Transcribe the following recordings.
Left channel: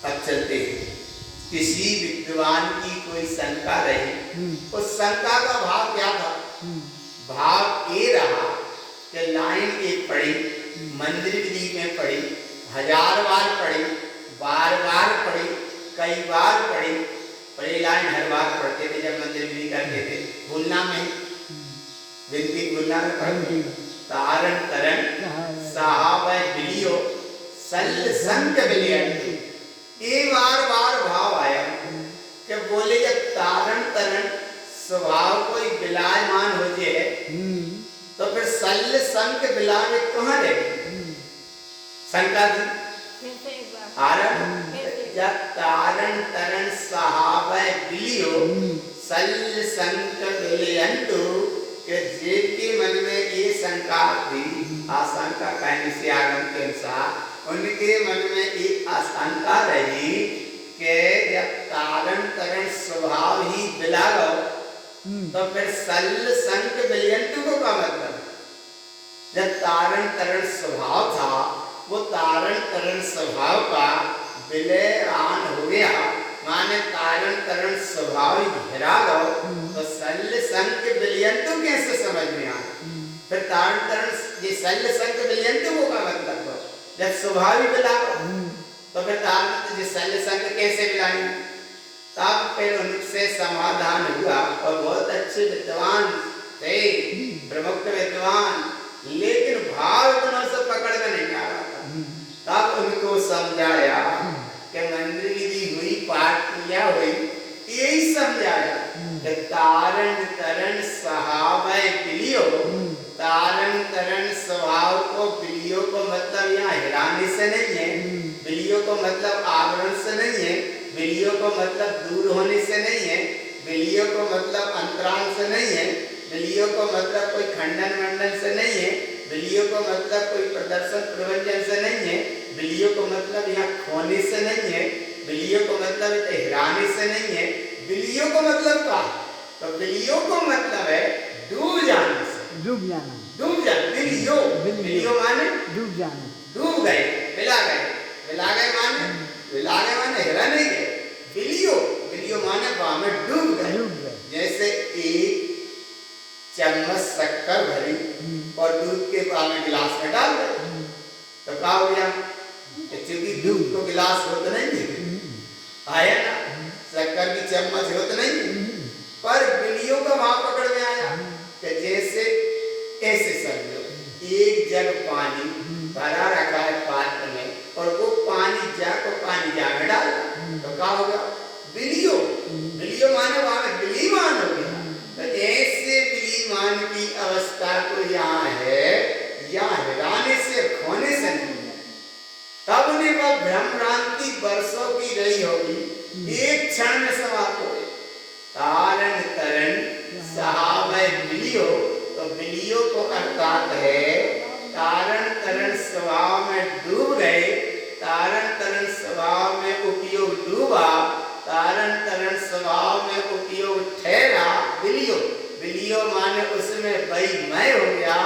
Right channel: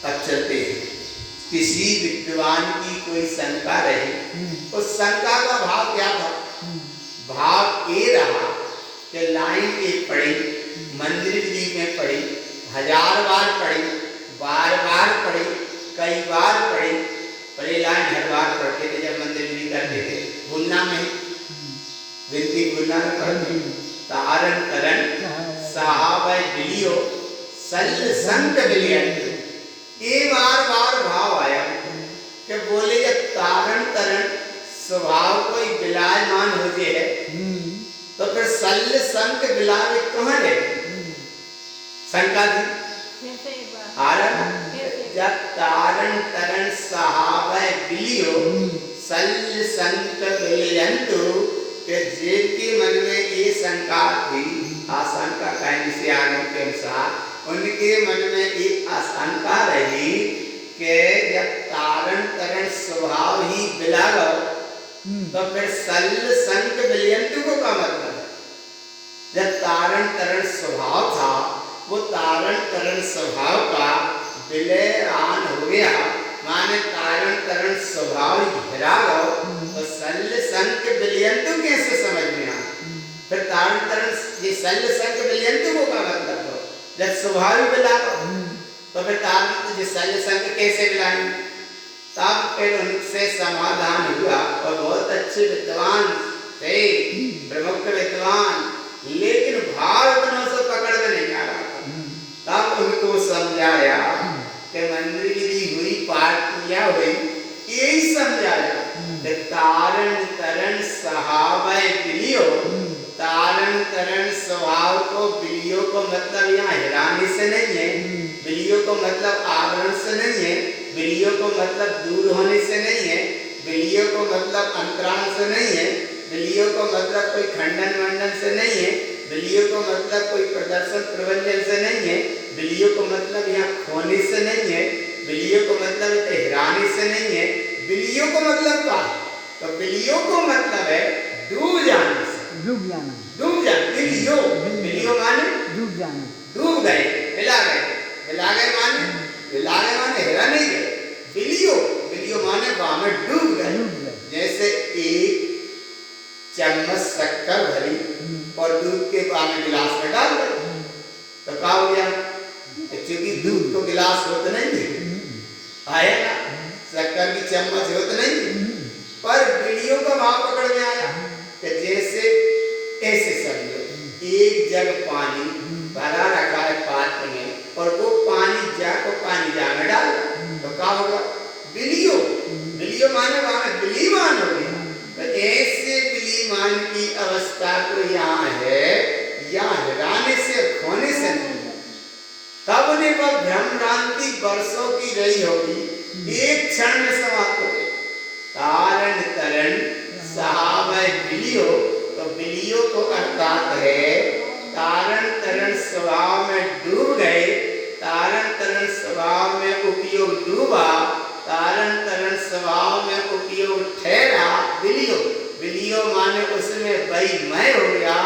अब चलते हैं। किसी विद्वान की कोई शंका रही, उस शंका का भाव क्या था? भाव ये रहा कि लाइन एक पढ़ी, मंदिर जी में पढ़ी, 1000 बार पढ़ी, बार बार पढ़ी, कई बार पढ़ी, पर ये लाइन हर बार पढ़ते थे जब मंदिर जी करते थे, भूलना में विनती भूलना में पढ़ते। तारण तरण साहब बिलियो सल संक बिलियन, ये बार बार भाव आया कि बोले जब तारण तरण स्वभाव कोई विलायमान हो जे है तो फिर सल्ल संक बिलावे कहाँ रहे? शंका थी आरंभ जब तारण तरण सहावै बिलियो सल्ल संक बिलियंतु के जिनके मन में ये शंका थी, आशंका कहने से आगम के अनुसार उनके मन में एक आशंका रही कि जब तारण तरण स्वभाव ही बिलागो तो फिर सल्ल संक बिलियंतु को क्या मतलब? जब तारण तरण स्वभाव था वो तारण तरण स्वभाव का विलयन हो गया, माने तारण तरण स्वभाव घिरा गो तो सल्ल संक बिलियंतु कैसे समझ में आया? फिर तारण तरण ये सल्ल संक बिलियंतु को क्या मतलब हो? जब स्वभाव ही बिला गो तो फिर तारण सल्ल संक कैसे बिलाएंगे? तब फिर उनसे समाधान हुआ और बहुत अच्छे विद्वान थे, प्रमुख विद्वान, लेकिन भाव इतनों से पकड़ में नहीं आ रहा। तब उनको समझाया कि मंदिर की हुई पार्टियां हुई, यही समझाया कि तारण तरण सहावै बिलियो, तारण तरण स्वभाव को बिलियो को मतलब यहाँ हिराने से नहीं है, बिलियो को मतलब आवरण से नहीं है, बिलियो को मतलब दूर होने से नहीं है, बिलियो को मतलब अंतराल से नहीं है, बिलियो को मतलब कोई खंडन मंडन से नहीं है, बिलियो को मतलब कोई प्रदर्शन प्रवंचन से नहीं है, बिलियो को मतलब यहाँ खोने से नहीं है, बिलियो को मतलब हिराने से नहीं है, बिलियो को मतलब क्या? तो बिलियो को मतलब है डूब जाने से, डूब जाना, डूब जाना, बिलियो, बिलियो माने डूब जाना, डूब गए, हिला गए, हिला गए माने हिला गए माने हिला नहीं गए, बिलियो, बिलियो माने वहां में डूब गए। जैसे एक चम्मच शक्कर भरी और दूध के पानी गिलास में डाल दे तो क्या हो गया? क्योंकि दूध को गिलास होता नहीं आया ना, शक्कर की चम्मच होता नहीं, पर बिलियो का भाव पकड़ में आया कि जैसे ऐसे समझो एक जग पानी भरा रखा है पात्र में और वो पानी जा में डाल तो क्या होगा? बिलियो, बिलियो माने वहां बिलीमान हो गया। तो ऐसे बिलीमान की अवस्था को यहाँ है, यहाँ हिराने से खोने से नहीं है। तब उन्हें वह भ्रमभ्रांति वर्षों की रही होगी, एक क्षण में समाप्त हो गई। तारण तरण सहावै बिलियो, तो बिलियो को अर्थात है तारण तरण स्वभाव में डूब गए, तारण तरण स्वभाव में उपयोग डूबा, तारण तरण स्वभाव में उपयोग ठहरा बिलियो, बिलियो माने उसमें वैमय हो गया,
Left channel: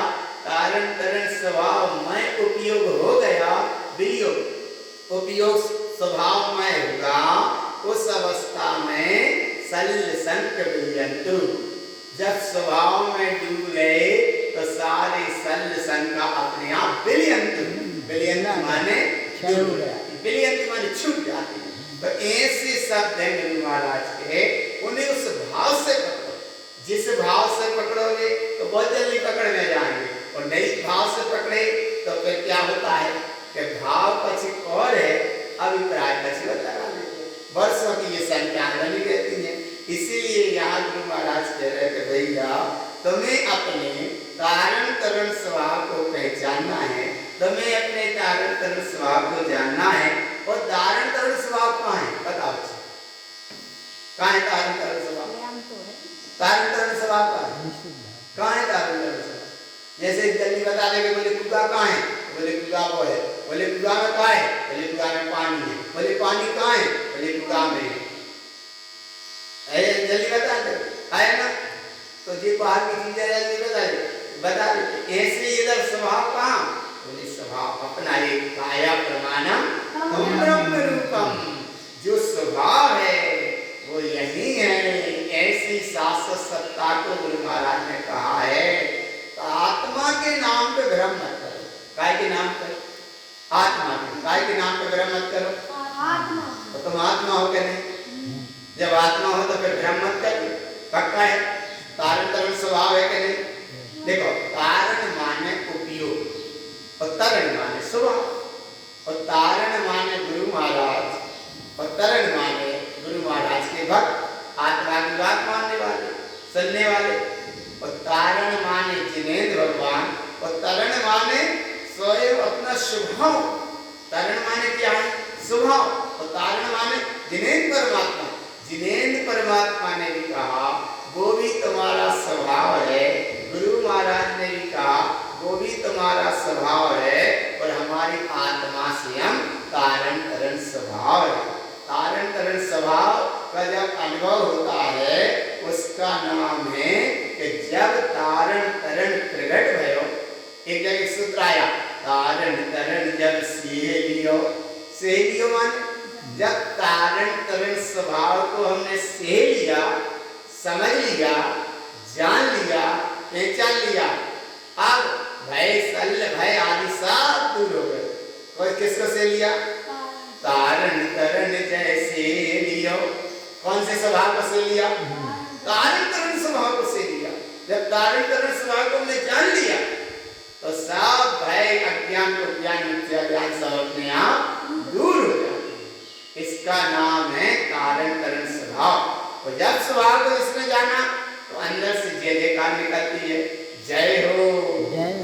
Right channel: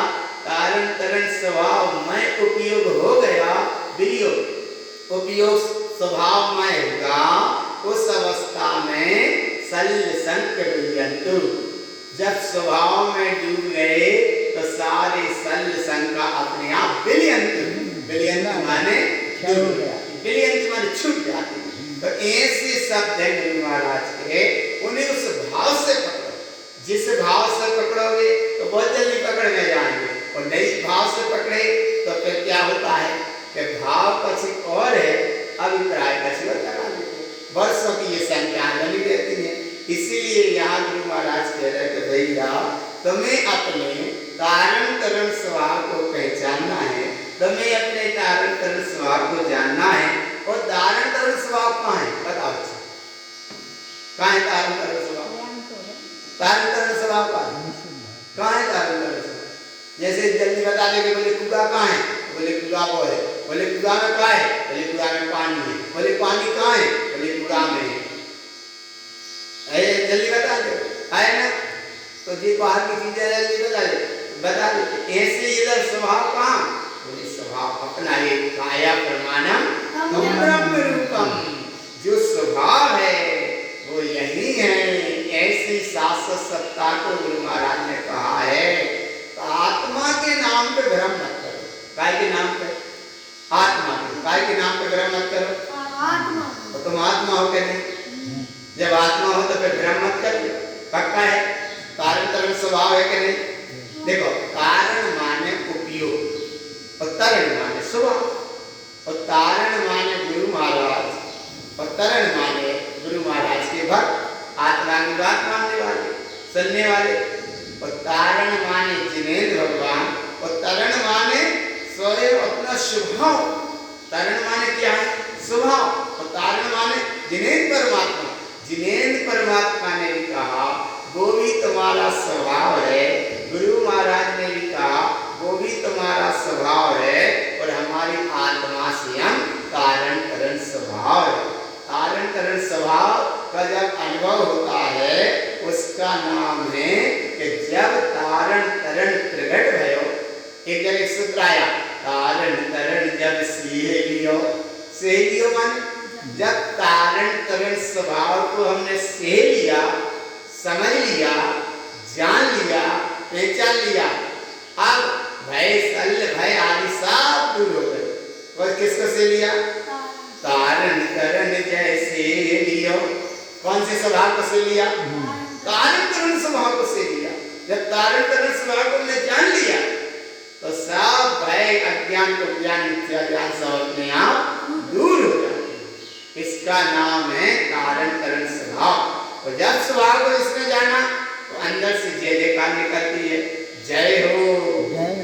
तारण तरण स्वभाव में उपयोग हो गया, बिलियो उपयोग स्वभाव में होगा। उस अवस्था में सल्ल संक बिलियंतु, जब स्वभाव में डूब गए तो सारे सल्ल संका अपने आप बिलियंतु, बिलियंतु माने डूब गया, बिलियंतु माने छूट जाती। तो ऐसे शब्द हैं गुरु महाराज के, उन्हें उस भाव से पकड़ो, जिस भाव से पकड़ोगे तो बहुत जल्दी पकड़ में जाएंगे, और नहीं भाव से पकड़े तो फिर क्या होता है कि भाव पक्षी और है, अभिप्राय पक्षी होता है। वर्षों की ये संख्या बनी रहती है। इसीलिए यहाँ गुरु महाराज कह रहे थे भैया तुम्हें अपने तारण तरण स्वभाव को पहचानना है, तुम्हें अपने तारण तरण स्वभाव को जानना है। और तारण तरण स्वभाव कहाँ है बताओ? कहाँ है तारण तरण स्वभाव? तारण तरण स्वभाव कहाँ है? तारण तरण स्वभाव जैसे जल्दी बता देंगे, बोले कुआ कहाँ है? बोले कुआ वो है। बोले कुआ में क्या है? बोले कुआ में पानी है। बोले पानी कहाँ है? बोले कुआ में है। जल्दी बता दे है ना, तो जी बाहर की चीजें जल्दी बता दे। ऐसे इधर स्वभाव कहाँ? बोले स्वभाव अपना एक काया प्रमाणम ब्रह्म रूपम, सत्ता को गुरु महाराज ने कहा है तो आत्मा के नाम पे भ्रम मत करो। काय के नाम पे? आत्मा के। काय के नाम पे भ्रम मत करो? आत्मा। तो तुम आत्मा हो क्या नहीं? जब आत्मा हो तो फिर भ्रम मत कर। पक्का है? कारण तरण स्वभाव है कि नहीं? देखो, कारण माने उपयोग और तरण माने स्वभाव। और तारण माने गुरु महाराज और तरण माने गुरु महाराज के भक्त, आत्मा की बात मानने वाले, सुनने वाले। और तारण माने जिनेंद्र भगवान और तरण माने स्वयं अपना स्वभाव। तरण माने क्या है? स्वभाव। और तारण माने जिनेंद्र परमात्मा। जिनेंद्र परमात्मा ने भी कहा वो भी तुम्हारा स्वभाव है। गुरु महाराज ने भी कहा वो भी तुम्हारा स्वभाव है। और हमारी आत्मा स्वयं कारण तरण स्वभाव है। कारण तरण स्वभाव का जब अनुभव होता है उसका नाम है कि जब तारण तरण प्रगट भयो। एक जगह एक सूत्र आया, तारण तरण जब सहेलियो। सहेलियो माने जब तारण तरण स्वभाव को हमने सह लिया, समझ लिया, जान लिया, पहचान लिया, अब भय शल्य भय आदि सब दूर हो गए। कोई किसको से लिया? तारण तरण जैसे लियो। कौन से स्वभाव को से लिया? तारण तरण स्वभाव को से लिया। जब तारण तरण स्वभाव को हमने जान लिया तो सब भय अज्ञान को ज्ञान मिथ्या ज्ञान सब अपने आप दूर हो जाते। इसका नाम है तारण तरण स्वभाव। और जब स्वभाव को इसने जाना तो अंदर से जय जयकार निकलती है, जय हो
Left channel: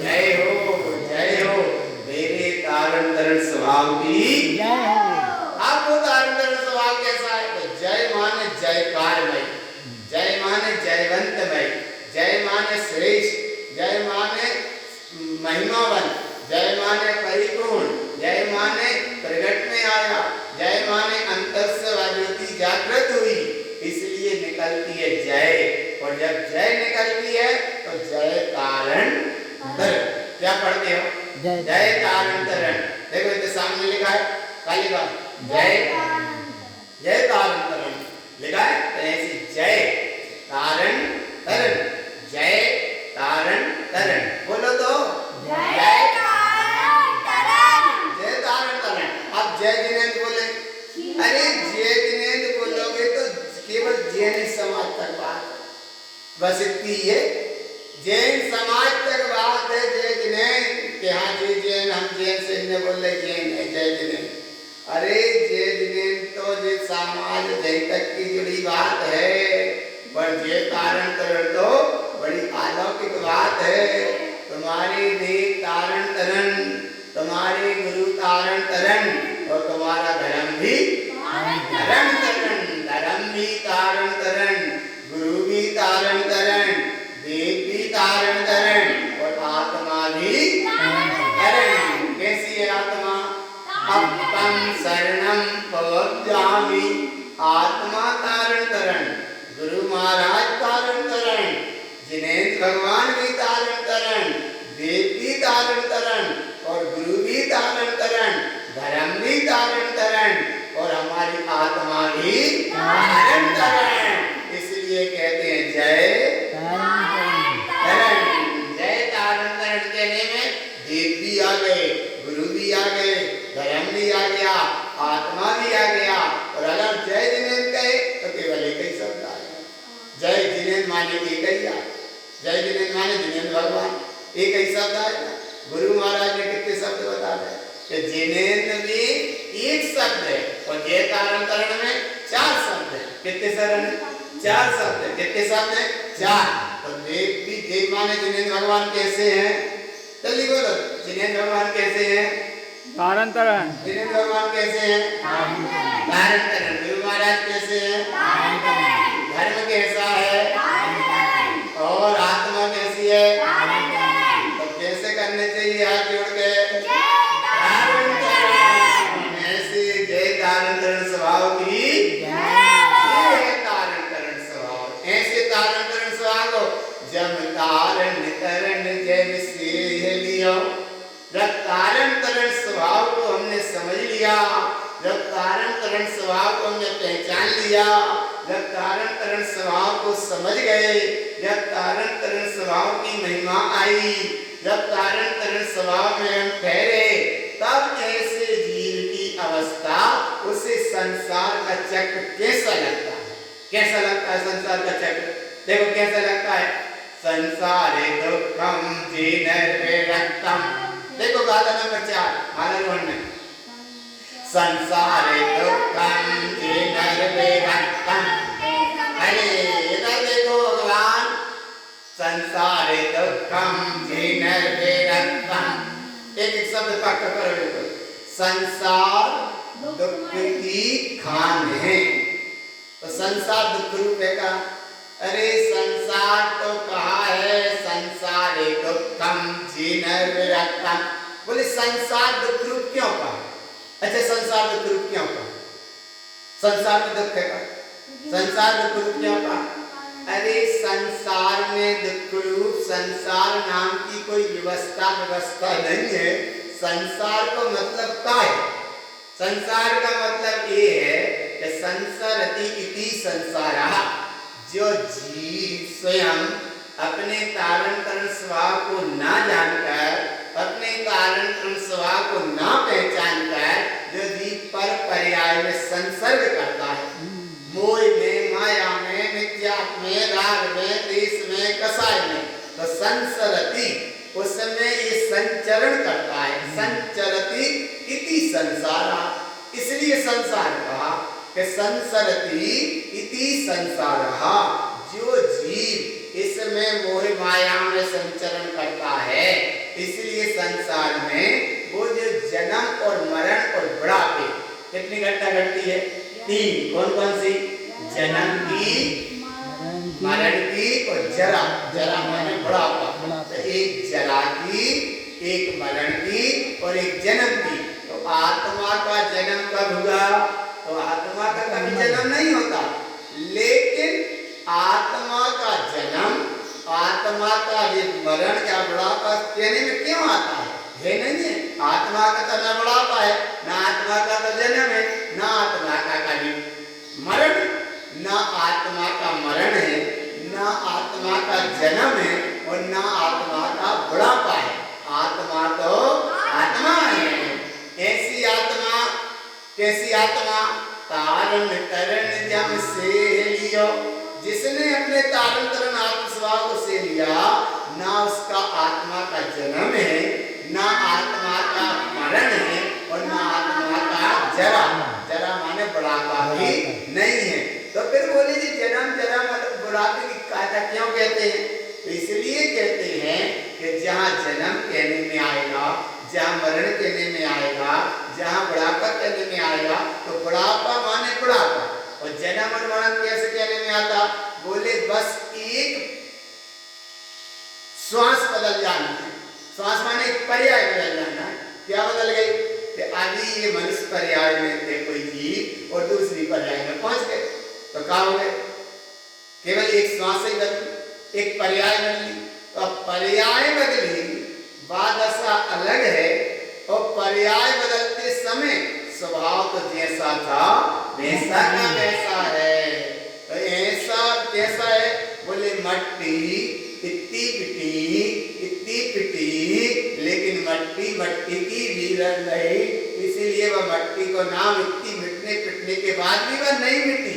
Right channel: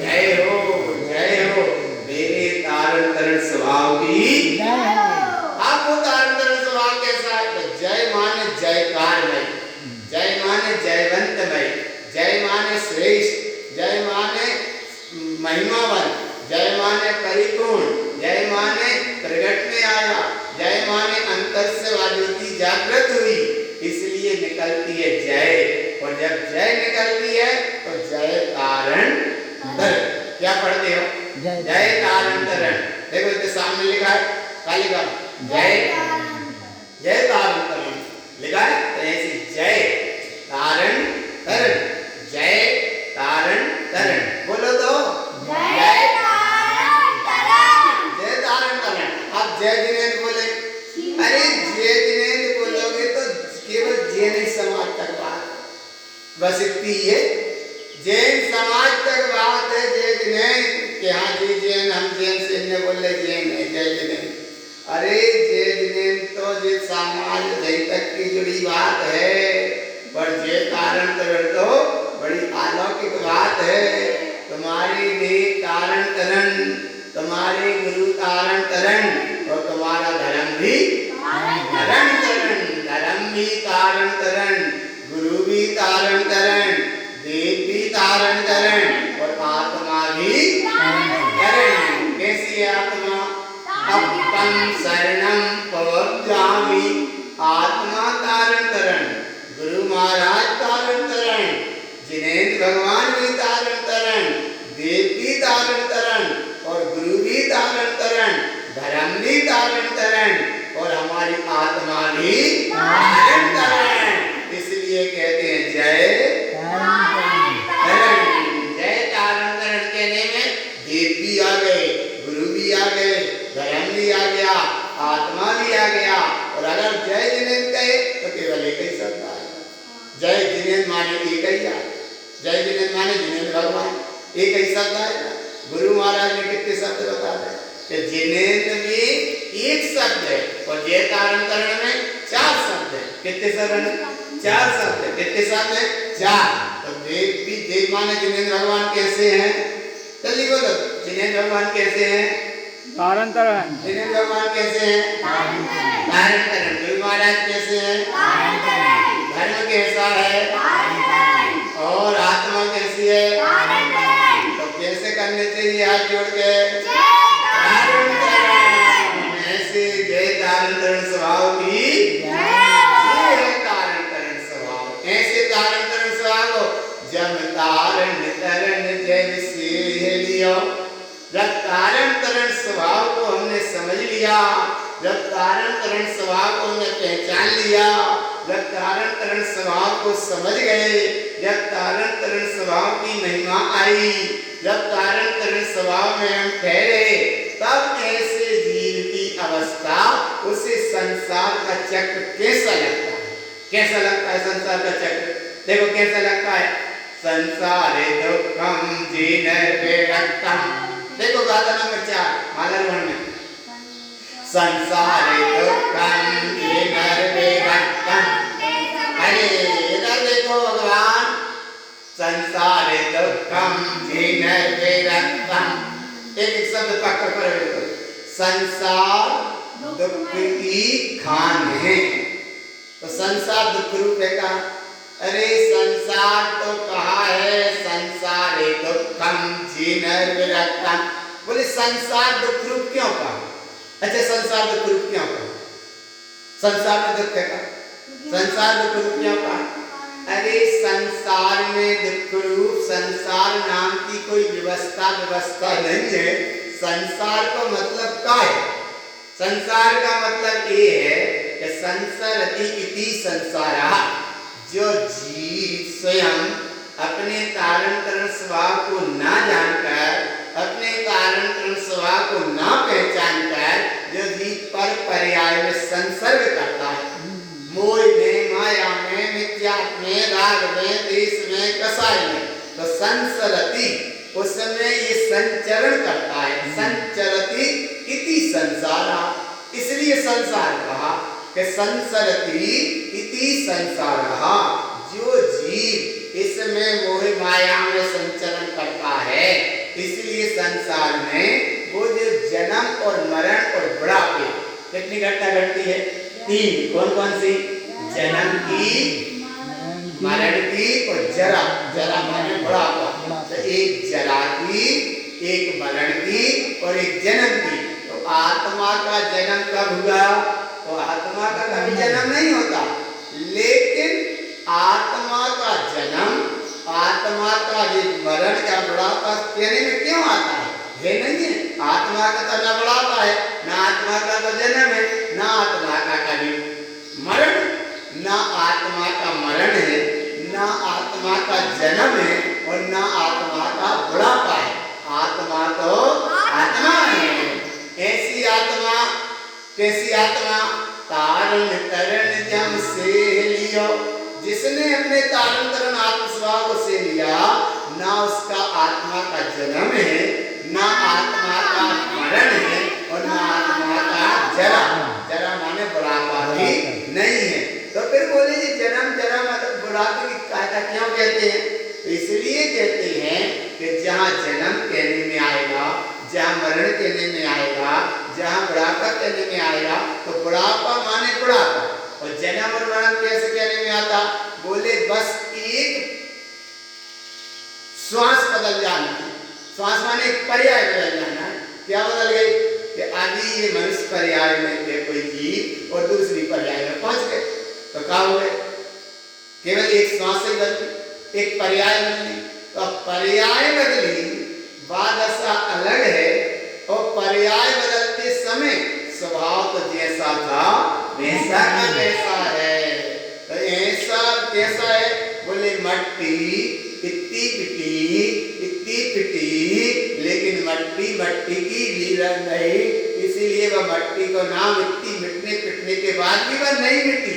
जय हो जय हो मेरे तारण तरण स्वभाव की। आपको तारण तरण स्वभाव कैसा है? तो जय माने जयकारमय, जय माने जयवंतमय, जय माने श्रेष्ठ, जय माने महिमावन, जय माने परिपूर्ण, जय माने प्रगट में आया, जय माने अंतर से ज्योति जागृत हुई, इसलिए निकलती है जय। और जब जय निकलती है तो जय तारण तरण। क्या पढ़ते हो? जय तारण तरण। देखो इधर सामने लिखा है, क्या लिखा? जय जय तारण तरण लिखा है। तो ऐसी जय तारण तरण, जय तारण तरण बोलो तो जय तारण तरण, जय तारण तरण। आप जय जिनेंद्र बोले। अरे जय जिनेंद्र बोलोगे तो केवल जैन समाज तक बात, बस इतनी है। जैन समाज तक बात है जय जिनेंद्र कि हाँ जी जैन, हम जैन से इन्हें बोले जैन है जय जिनेंद्र। अरे जय जिनेंद्र तो जे समाज जय तक की जुड़ी बात है, पर जय तारण तरण तो बड़ी अलौकिक बात है। तुम्हारे देह तारण तरण, तुम्हारे गुरु तारण तरण और तुम्हारा धर्म भी तारण तरण, धर्म भी तारण तरण, गुरु भी तारण तरण, देव भी तारण तरण और आत्मा भी तरण। कैसी है आत्मा? अब तम शरणम पवज्जामि, आत्मा तारण तरण, गुरु महाराज तारण तरण, जिनेंद्र भगवान भी तारण तरण, देव भी तारण तरण और गुरु भी तारण तरण, धर्म भी तारण तरण और हमारी आत्मा भी तारण तरण। इसलिए कहते हैं जय तारण। जय तारण तरण कहने में देव भी आ गए, गुरु भी आ गए, धर्म भी आ गया, आत्मा भी आ गया। और अगर जय जिनेंद्र कहे तो केवल एक ही शब्द आएगा। जय जिनेंद्र माने एक ही आए, जय जिनेंद्र माने जिनेंद्र भगवान, एक ही शब्द आएगा। गुरु महाराज ने कितने शब्द बता रहे कि जिनेंद्र में एक शब्द है और जय तारण तरण में 4 शब्द है। कितने शब्द है? 4 शब्द है। कितने शब्द है? 4। तो देव भी, देव माने जिनेंद्र भगवान कैसे हैं? जल्दी बोलो, जिनेंद्र भगवान कैसे हैं? तारण तरण। जिनेंद्र भगवान कैसे हैं? तारण तरण। गुरु महाराज कैसे हैं? धर्म कैसा है? और आत्मा कैसी है? तो कैसे करने चाहिए? हाथ जोड़ के तारण तरण। ऐसे जय तारण तरण स्वभाव की है तारण तरण स्वभाव। ऐसे तारण तरण स्वभाव को जब तारण तरण जय से लियो। जब तारण तरण स्वभाव को हमने समझ लिया, जब तारण तरण स्वभाव को हमने पहचान लिया, जब कारण तरण स्वभाव को समझ गए, जब कारण तरण स्वभाव की महिमा आई, जब कारण तरण स्वभाव में हम ठहरे, तब ऐसे जीव की अवस्था उसे संसार का चक्र कैसा लगता है? कैसा लगता है संसार का चक्र? देखो कैसा लगता है। संसारे दुखम जीनर्विरक्तम। देखो गाथा नंबर 4 मालारोहण में। संसारे दुखम जीनर्विरक्तम। अरे इधर देखो भगवान, संसारे दुखम जीनर्विरक्तम। एक एक शब्द पकड़ कर संसार दुख की खान है। तो संसार दुख रूप है का? अरे संसार तो कहा है संसारे दुखम जीनर्विरक्तम। बोले संसार दुख रूप क्यों कहा? अच्छा संसार दुख रूप क्यों कहा? संसार में दुख है का? संसार दुख रूप क्यों कहा? अरे संसार में दुख रूप, संसार नाम की कोई व्यवस्था नहीं है। संसार का मतलब क्या है? संसार का मतलब ये है कि संसरति इति संसारः। जो जीव स्वयं अपने तारण तरण स्वभाव को ना जानकर, अपने तारण तरण स्वभाव को ना पहचानकर, जो जीव पर पर्याय में संसर्ग करता है, मोह में, माया में, मिथ्या में, राग में, देश में, कसाय में, तो संसरति उसमें ये संचरण करता है। संचरति इति संसारा। इसलिए संसार कहा कि संसरति इति संसारः। जो जीव इसमें मोह माया में संचरण करता है, इसलिए संसार में वो जो जन्म और मरण और बुढ़ापे कितनी घटना घटती है? 3। कौन कौन सी? जन्म की, मरण की और जरा। जरा माने बुढ़ापा। तो एक जरा की, एक मरण की और एक जन्म की। तो आत्मा का जन्म कब हुआ? तो आत्मा का कभी जन्म नहीं होता, लेकिन आत्मा का जन्म, आत्मा का ये मरण या बुढ़ापा कहने में क्यों आता है? ये नहीं है आत्मा का तो न बुढ़ापा है, ना आत्मा का तो जन्म है, ना आत्मा का कभी मरण, ना आत्मा का मरण है, ना आत्मा का जन्म है और ना आत्मा का बुढ़ापा है। आत्मा तो आत्मा है। ऐसी आत्मा, कैसी आत्मा? तारण तरण जम से लियो। जिसने अपने तारण तरण आत्म स्वभाव को से लिया, ना उसका आत्मा का जन्म है, ना आत्मा का मरण है और ना आत्मा का जरा। जरा माने बुढ़ापा भी नहीं है। तो फिर बोले जी जन्म जरा मतलब बुढ़ापे की कायदा क्यों कहते हैं? तो इसलिए कहते हैं कि जहाँ जन्म कहने में आएगा, जहाँ मरण कहने में आएगा, जहाँ बुढ़ापा कहने में आएगा, तो बुढ़ापा माने बुढ़ापा और जन्म और मरण कैसे कहने में आता? बोले बस एक श्वास बदल जाना है। श्वास माने एक पर्याय बदल जाना है। क्या बदल गई? कि अभी ये मनुष्य पर्याय में थे कोई जीव और दूसरी पर्याय में पहुंच गए, तो क्या हो गए? केवल एक श्वास ही बदली, एक पर्याय बदली। तो पर्याय बदली, बात ऐसा अलग है। और पर्याय बदलते समय स्वभाव तो जैसा था वैसा का वैसा है। तो ऐसा कैसा है? बोले मट्टी इतनी पिटी, लेकिन मट्टी मट्टी की वीरन नहीं, इसीलिए वह मट्टी को नाम इतनी मिटने पिटने के बाद भी वह नहीं मिटी।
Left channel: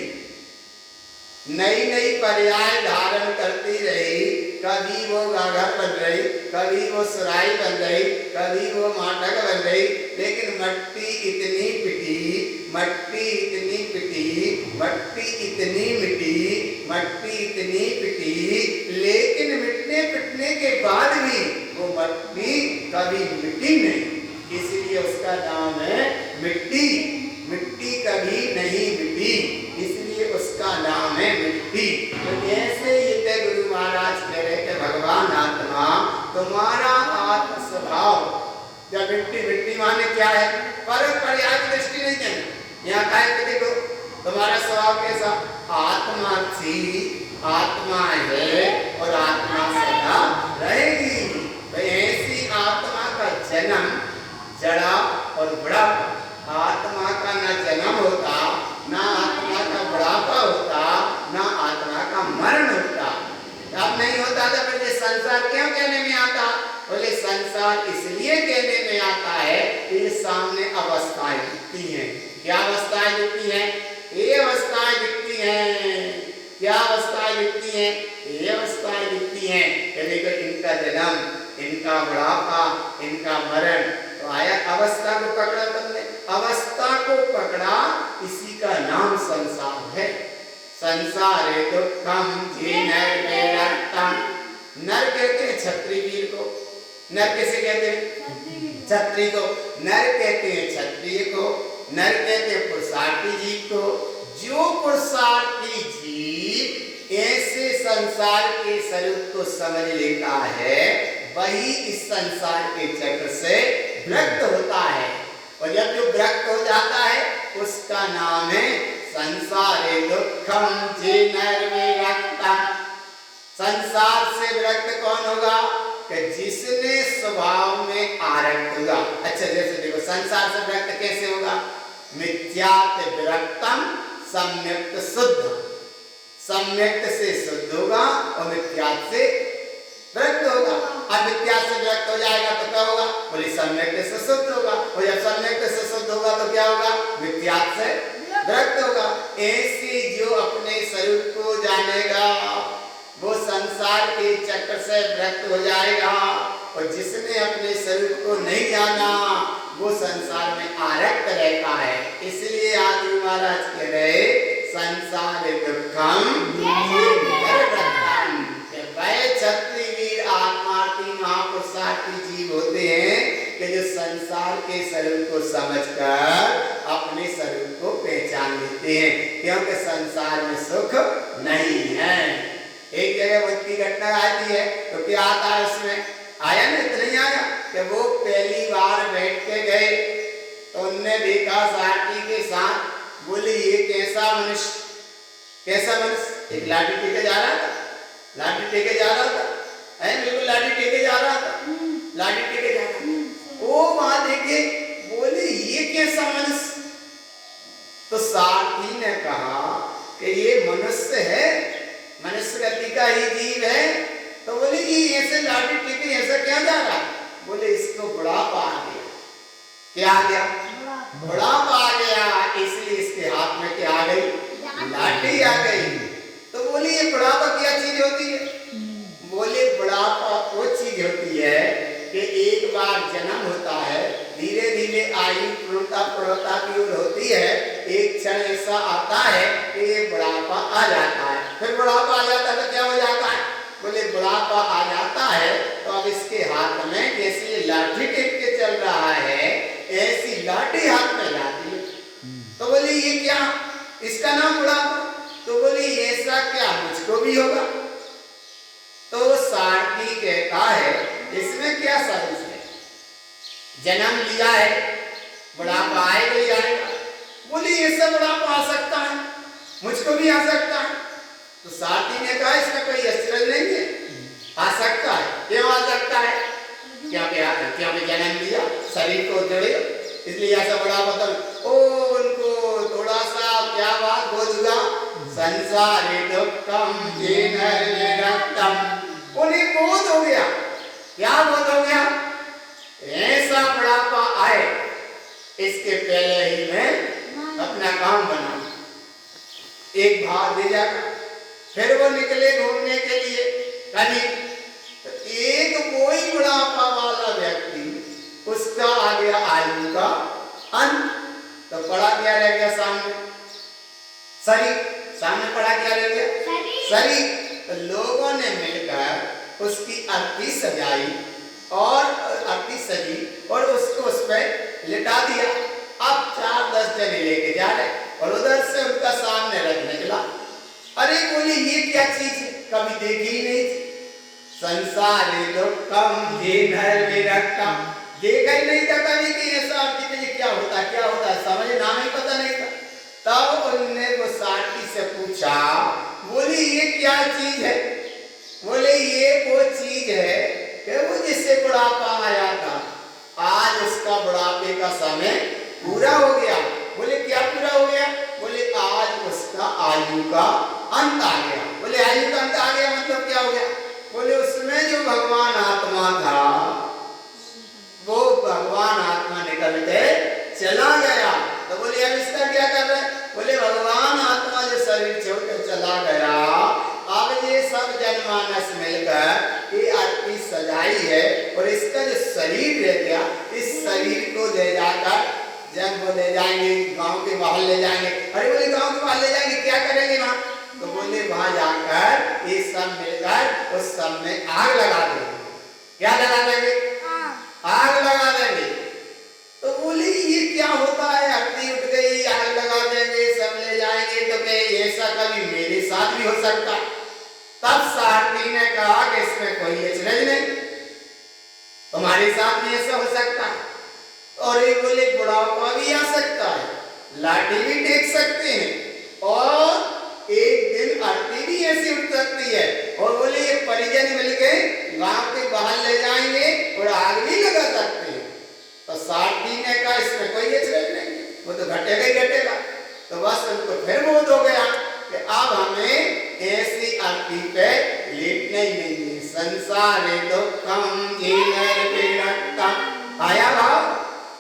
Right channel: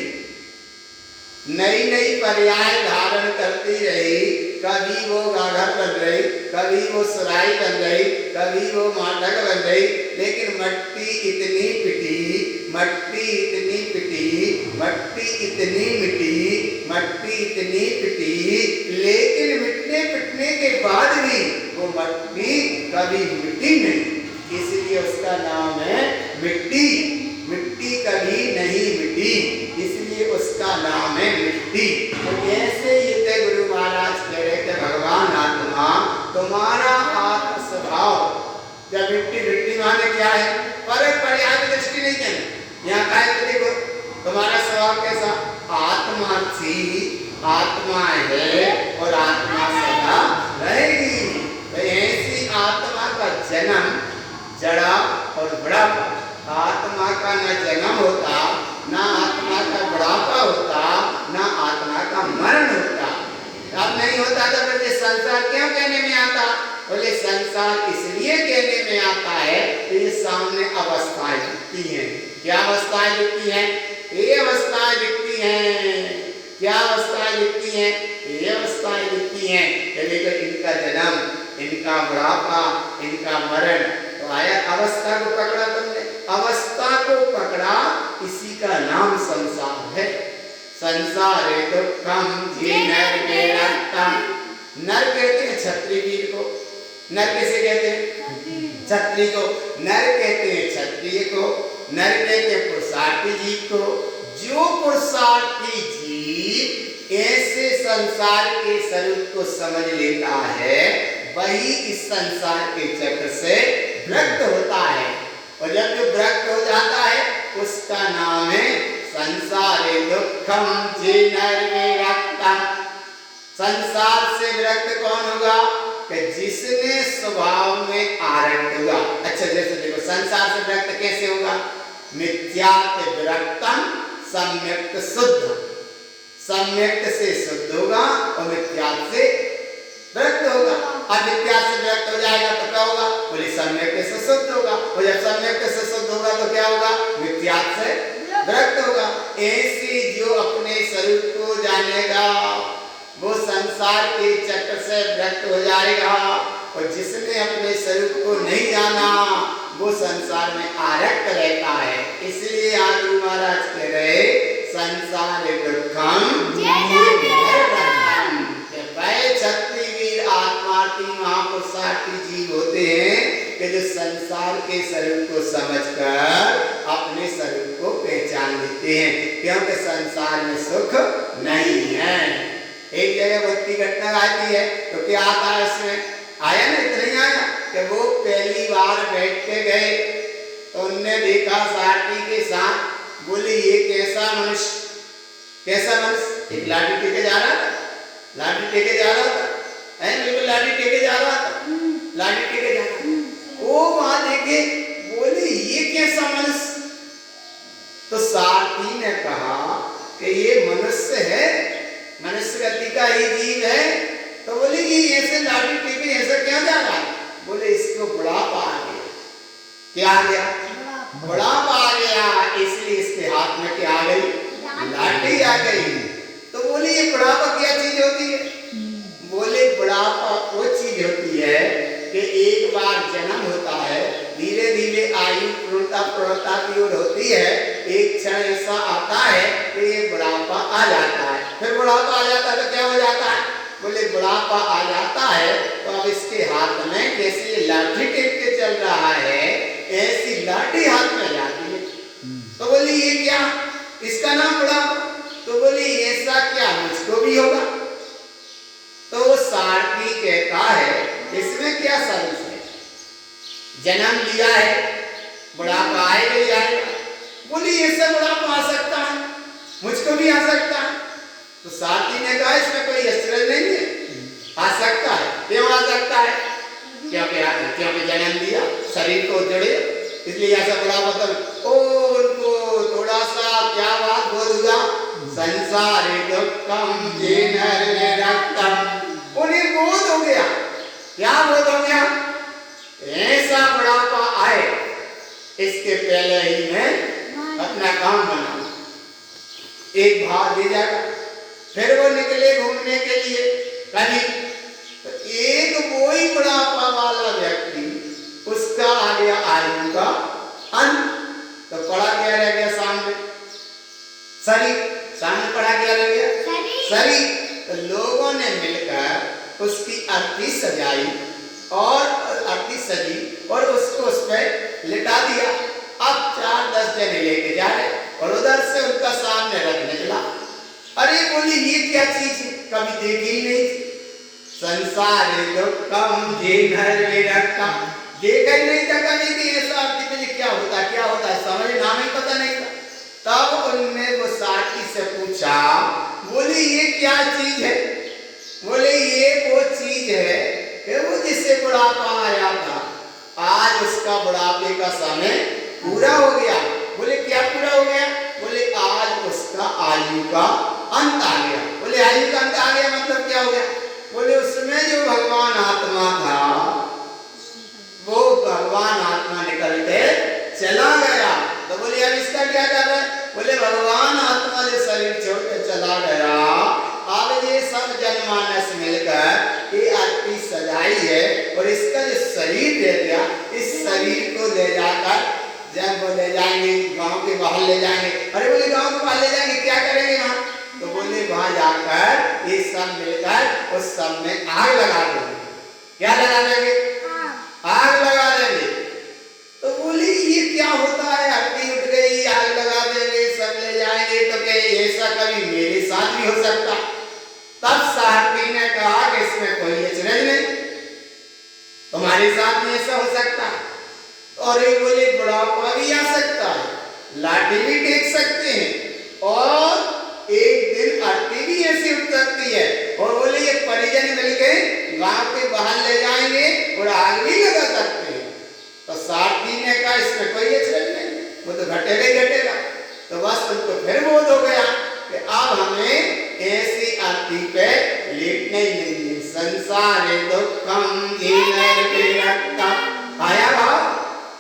नई नई पर्याय धारण करती रही। कभी वो गाघर बन रही, कभी वो सुराई बन रही, कभी वो माटक बन रही, लेकिन मट्टी इतनी पिटी, मट्टी इतनी पिटी, मट्टी इतनी मिटी, मट्टी इतनी पिटी, लेकिन मिटने पिटने के बाद भी वो मट्टी कभी मिटी नहीं। इसलिए उसका नाम है मिट्टी। मिट्टी कभी नहीं मिटी, इसलिए उसका नाम है मिट्टी। तो जैसे ये गुरु महाराज कह रहे थे भगवान आत्मा तुम्हारा आत्म स्वभाव, जब मिट्टी मिट्टी माने क्या है? परक पर्याय की दृष्टि नहीं कहना। यहाँ काय तो देखो तुम्हारा स्वभाव कैसा? आत्मा थी, आत्मा है और आत्मा सदा रहेगी। तो ऐसी आत्मा का जन्म जड़ा और बुढ़ापा, आत्मा का न जन्म होता, ना आत्मा का बुढ़ापा होता, बोले संसार इसलिए कहने में आता है कि ये सामने अवस्थाएं दिखती हैं। क्या अवस्थाएं दिखती हैं? ये अवस्थाएं दिखती हैं। क्या अवस्थाएं दिखती हैं? ये अवस्थाएं दिखती हैं। देखो इनका जन्म, इनका बुढ़ापा, इनका मरण, तो आया अवस्था को पकड़ा तुमने, अवस्था को पकड़ा, इसी का नाम संसार है। संसारे दुखम जीर्णम। नर कहते हैं क्षत्रिय वीर को, नर कैसे कहते हैं? क्षत्रिय को। नर कहते हैं क्षत्रिय को, नर कहते हैं पुरुषार्थी जीव को। जो पुरुषार्थी जीव ऐसे संसार के स्वरूप को समझ लेता है, वही इस संसार के चक्र से विरक्त होता है। और जब जो विरक्त हो जाता है उसका नाम है संसारे दुखम जीर्णम। संसार से विरक्त कौन होगा? कि जिसने स्वभाव में आरक्त होगा। अच्छा जैसे देखो संसार से विरक्त कैसे होगा? मिथ्यात् विरक्तम सम्यक्त शुद्ध। सम्यक्त से शुद्ध होगा और मिथ्यात् से विरक्त होगा। अब मिथ्यात् से विरक्त हो जाएगा तो क्या होगा? बोले सम्यक्त से शुद्ध होगा। और जब सम्यक्त से शुद्ध होगा तो क्या होगा? मिथ्यात् से विरक्त होगा। ऐसे जो अपने स्वरूप को जानेगा वो संसार के चक्र से विरक्त हो जाएगा। और जिसने अपने स्वरूप को नहीं जाना वो संसार में आरक्त रहता है। इसलिए आदि महाराज कह रहे संसार दुखम वह क्षत्रिय वीर आत्मार्थी महापुरुषार्थी जीव होते हैं कि जो संसार के स्वरूप को समझकर अपने स्वरूप को पहचान लेते हैं। क्योंकि संसार में सुख नहीं है। एक जगह भक्ति घटना आती है तो क्या आता है उसमें? आया ना, इतना ही आया कि वो पहली बार बैठ के गए तो उनने देखा सारथी के साथ। बोले ये कैसा मनुष्य, कैसा मनुष्य? एक लाठी टेके जा रहा था, लाठी टेके जा रहा था, बिल्कुल लाठी टेके जा रहा था, लाठी टेके जा रहा था। वो वहां देखे, बोले ये कैसा मनुष्य? तो सारथी ने कहा कि ये मनुष्य है, मनुष्य गति का ही जीव है। तो बोले ये ऐसे लाठी टेके ऐसा क्या जा रहा है? बोले इसको बुढ़ापा आ गया। क्या आ गया? बुढ़ापा आ गया, इसलिए इसके हाथ में क्या आ गई? लाठी आ गई। तो बोले ये बुढ़ापा क्या चीज होती है? बोले बुढ़ापा वो चीज होती है कि एक बार जन्म होता है, धीरे धीरे आयु पूर्णता की ओर होती है। एक क्षण ऐसा आता है कि ये बुढ़ापा आ जाता है। फिर बुढ़ापा आ जाता है तो क्या हो जाता है? बोले बुढ़ापा आ जाता है तो अब इसके हाथ में जैसे लाठी टेक के चल रहा है ऐसी लाठी हाथ में जाती है। तो बोले ये क्या? इसका नाम बुढ़ापा। तो बोले ऐसा क्या मुझको भी होगा? तो सारथी कहता है इसमें क्या साजिश है? जन्म लिया है, बुढ़ापा आएगा ही आएगा। बोले ऐसा बुढ़ापा आ सकता है, मुझको भी आ सकता है। तो सारथी ने कहा इसमें कोई आश्चर्य नहीं है, आ सकता है। क्यों आ सकता है? क्योंकि जन्म लिया, शरीर को जोड़े, इसलिए ऐसा बुढ़ापा। तो उनको थोड़ा सा क्या बात बोल दिया? संसारे दुखम जीर्णम। उन्हें बोध हो गया। क्या बोध हो गया? ऐसा बुढ़ापा आए इसके पहले ही मैं अपना काम बना, एक भाग दे जाएगा। फिर वो निकले घूमने के लिए कहीं, तो एक कोई बुढ़ापा वाला व्यक्ति, उसका आ गया आयु का अंत। तो पड़ा क्या रह गया सामने? शरीर। सामने पड़ा क्या रह गया? शरीर। तो लोगों ने मिलकर उसकी अर्थी सजाई और अर्थी सजी और उसको उस पर लिटा दिया। अब 4-10 जने लेके जा रहे और उधर से उनका सामने रथ निकला। अरे बोली ये क्या चीज है, कभी देखी ही नहीं थी। संसारे दुखम जीर्णम, देखा ही नहीं था कभी कि ऐसा अर्थी में क्या होता है, समझ नाम ही पता नहीं था। तब उनने वो सारथी से पूछा, बोले ये क्या चीज है? बोले ये वो चीज है कि वो जिससे बुढ़ापा आया था, आज उसका बुढ़ापे का समय पूरा हो गया। बोले क्या पूरा हो गया? बोले आज उसका आयु का अंत आ गया। बोले आयु का अंत आ गया मतलब क्या हो गया? बोले उसमें जो भगवान आत्मा था भगवान आत्मा निकल के चला गया। तो बोले अब इसका क्या कर रहे हैं? बोले भगवान आत्मा जो शरीर छोड़ के चला गया, अब ये सब जनमानस मिलकर ये आरती सजाई है और इसका जो शरीर दे दिया, इस शरीर को ले जाकर जब वो ले जाएंगे गांव के बाहर ले जाएंगे। अरे बोले गांव के बाहर ले जाएंगे, क्या करेंगे वहां? तो बोले वहां जाकर ये सब मिलकर उस सब में आग लगा देंगे। क्या लगा देंगे? आग लगा देंगे। तो बोले ये क्या होता है? आरती उठ गई, आग लगा देंगे, सब ले जाएंगे, तो क्या ऐसा कभी मेरे साथ भी हो सकता? तब सारथी ने कहा कि इसमें कोई अचरज नहीं, तुम्हारे साथ भी ऐसा हो सकता है। और ये बोले बुढ़ापा भी आ सकता है, लाठी भी टेक सकते हैं और एक दिन आरती भी ऐसी उठ सकती है। और बोले ये परिजन मिलके गांव के बाहर ले जाएंगे और आग भी लगा सकते हैं। तो सारथी ने कहा इसमें कोई अचरज नहीं, वो तो घटेगा ही घटेगा। तो बस उनको फिर बोध हो गया कि अब हमें ऐसी आरती पे लेटना ही नहीं है। संसारे दुखम जीनर विरक्तम, आया भाव,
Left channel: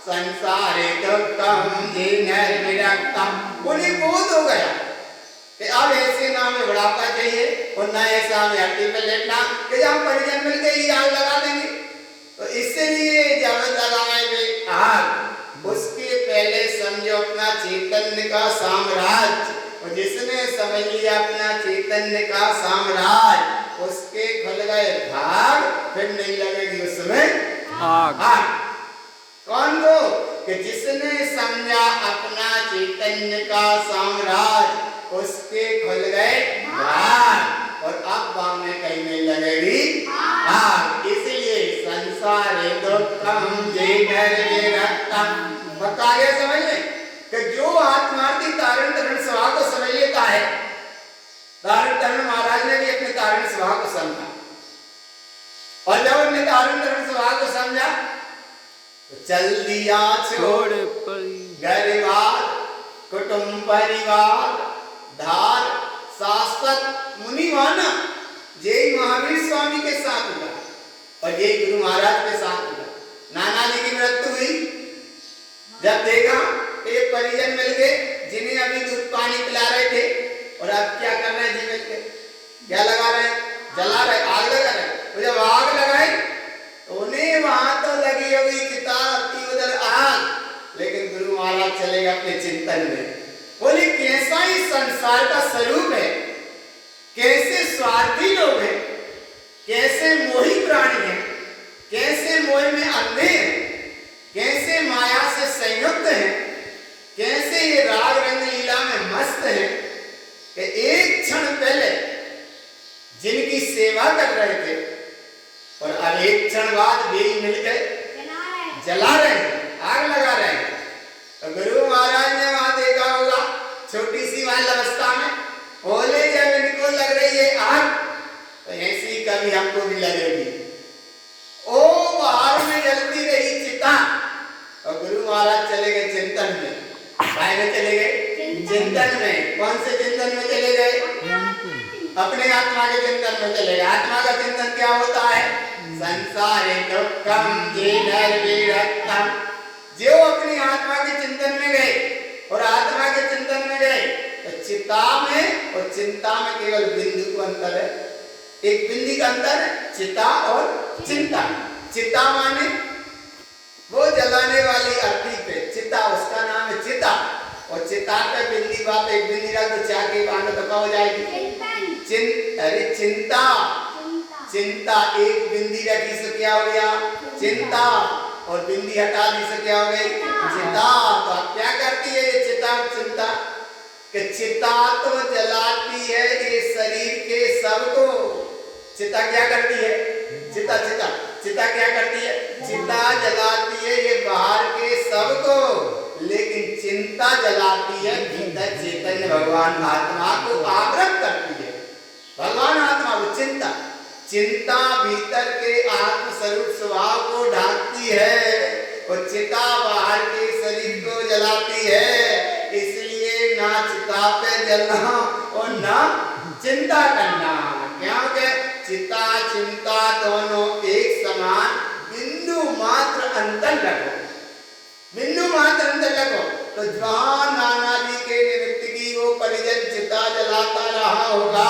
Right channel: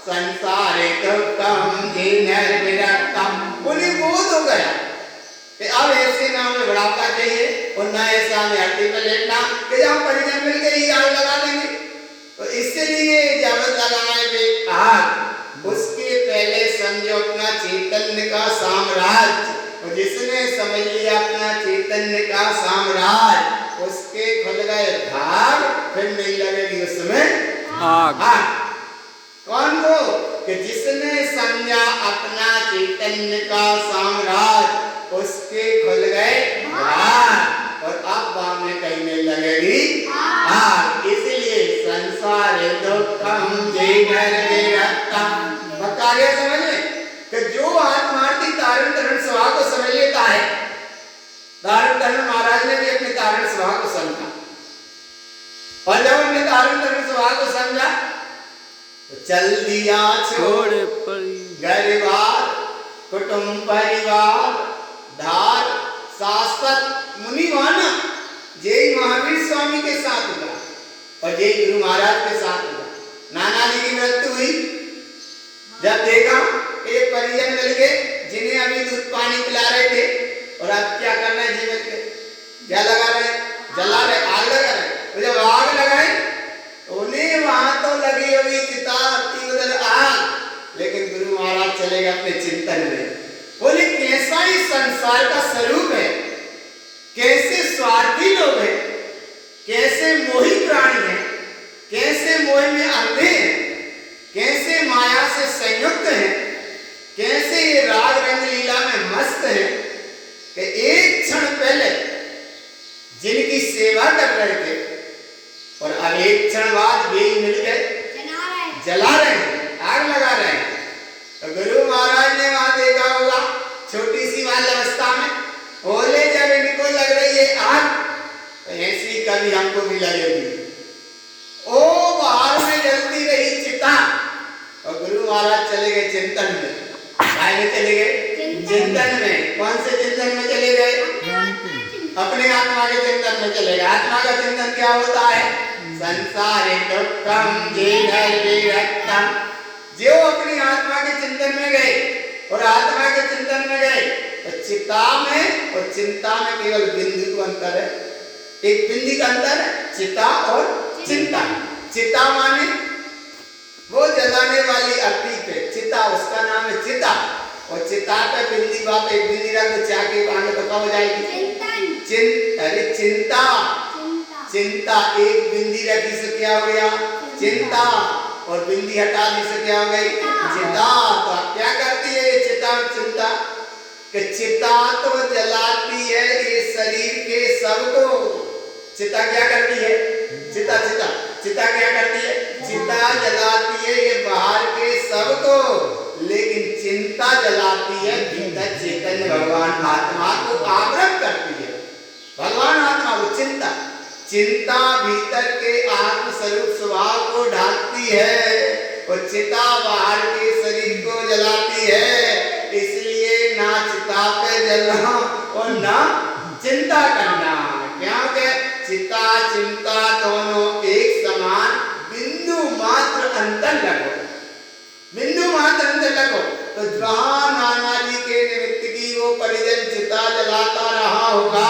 संसारे दुखम जीनर विरक्तम। उन्हें बोध हो गया कि अब ऐसे ना हमें बुढ़ापा चाहिए और ना ऐसा हमें आरती पे लेटना कि जहाँ परिजन मिल गई आग लगा देंगे। तो इसलिए जब लगाए आग, उसके पहले समझो अपना चैतन्य का साम्राज्य, और जिसने समझ लिया अपना चैतन्य का साम्राज्य, उसके खुल गए भाग, फिर नहीं लगेगी उसमें आग। कौन को? कि जिसने समझा अपना चैतन्य का साम्राज्य, उसके खुल गए भाग, और अब बाद में कहीं नहीं लगेगी आग। इसलिए संसारे दुखम जीनर विरक्तम। बता गया समझ में कि जो आत्मार्थी तारण तरण स्वभाव को समझ लेता है, तारण तरण महाराज ने भी अपने तारण स्वभाव को समझा, और जब अपने तारण तरण स्वभाव को समझा तो चल दिया छोड़ गरीबार कुटुंब परिवार धार शाश्वत मुनिवाना। जय महावीर स्वामी के साथ हुआ और जय गुरु महाराज के साथ हुआ। नाना जी की मृत्यु हुई, जब देखा एक परिजन मिल गए जिन्हें अभी दूध पानी पिला रहे थे, और अब क्या कर रहे हैं जी मिल के? क्या लगा रहे हैं? जला रहे, आग लगा रहे। तो जब आग लगाई उन्हें वहां तो लगी हुई चिता, उधर आग, लेकिन गुरु महाराज चले गए अपने चिंतन में। बोले कैसा ही संसार का स्वरूप है, कैसे स्वार्थी लोग हैं, कैसे मोही प्राणी हैं, कैसे मोह में अंधे हैं, कैसे माया से संयुक्त हैं, कैसे ये राग रंग लीला में मस्त हैं कि एक क्षण पहले जिनकी सेवा कर रहे थे और अब एक क्षण बाद भी मिलकर जला रहे हैं, आग लगा रहे हैं। तो गुरु महाराज ने वहां देखा होगा छोटी सी बाल अवस्था में, बोले जब इनको लग रही है आग, तो ऐसी कभी हमको भी लगेगी। ओ बाहर में जलती रही चिता, और गुरु महाराज चले गए चिंतन में। काय में चले गए? चिंतन में। कौन से चिंतन में चले गए? अपने आत्मा के चिंतन में चले गए। आत्मा का चिंतन क्या होता है? संसारे दुखम जीनर विरक्तम। जो अपनी आत्मा के चिंतन में गए और आत्मा के चिंतन में गए, तो चिता में और चिंता में केवल बिंदु का अंतर है, एक बिंदी का अंतर है, चिता और चिंता। चिता माने वो जलाने वाली अग्नि पे, चिता उसका नाम है चिता, और चिता पे बिंदी बात एक बिंदी रख दो चाके बांध तो क्या हो जाएगी? अरे चिंता, चिंता एक बिंदी रखी से क्या हो गया? चिंता, और बिंदी हटा दी से क्या हो गई? चिता। तो आप क्या करती है ये चिता और चिंता? कि चिता तो जलाती है ये शरीर के सबको। चिता क्या करती है? चिता चिता चिता क्या करती है? चिता जलाती है ये बाहर के सबको, लेकिन चिंता जलाती है भीतर चैतन्य भगवान आत्मा को आवृत करती है। भगवान आत्मा को चिंता, चिंता भीतर के आत्म स्वरूप स्वभाव को ढांकती है, और चिता बाहर के शरीर को जलाती है। इसलिए ना चिता पे जलना और ना चिंता करना, क्योंकि चिता चिंता दोनों एक समान बिंदु बिंदु मात्र अंतर रखो, बिंदु मात्र अंतर रखो। तो जहां नाना जी के निमित्त की वो परिजन चिता जलाता रहा होगा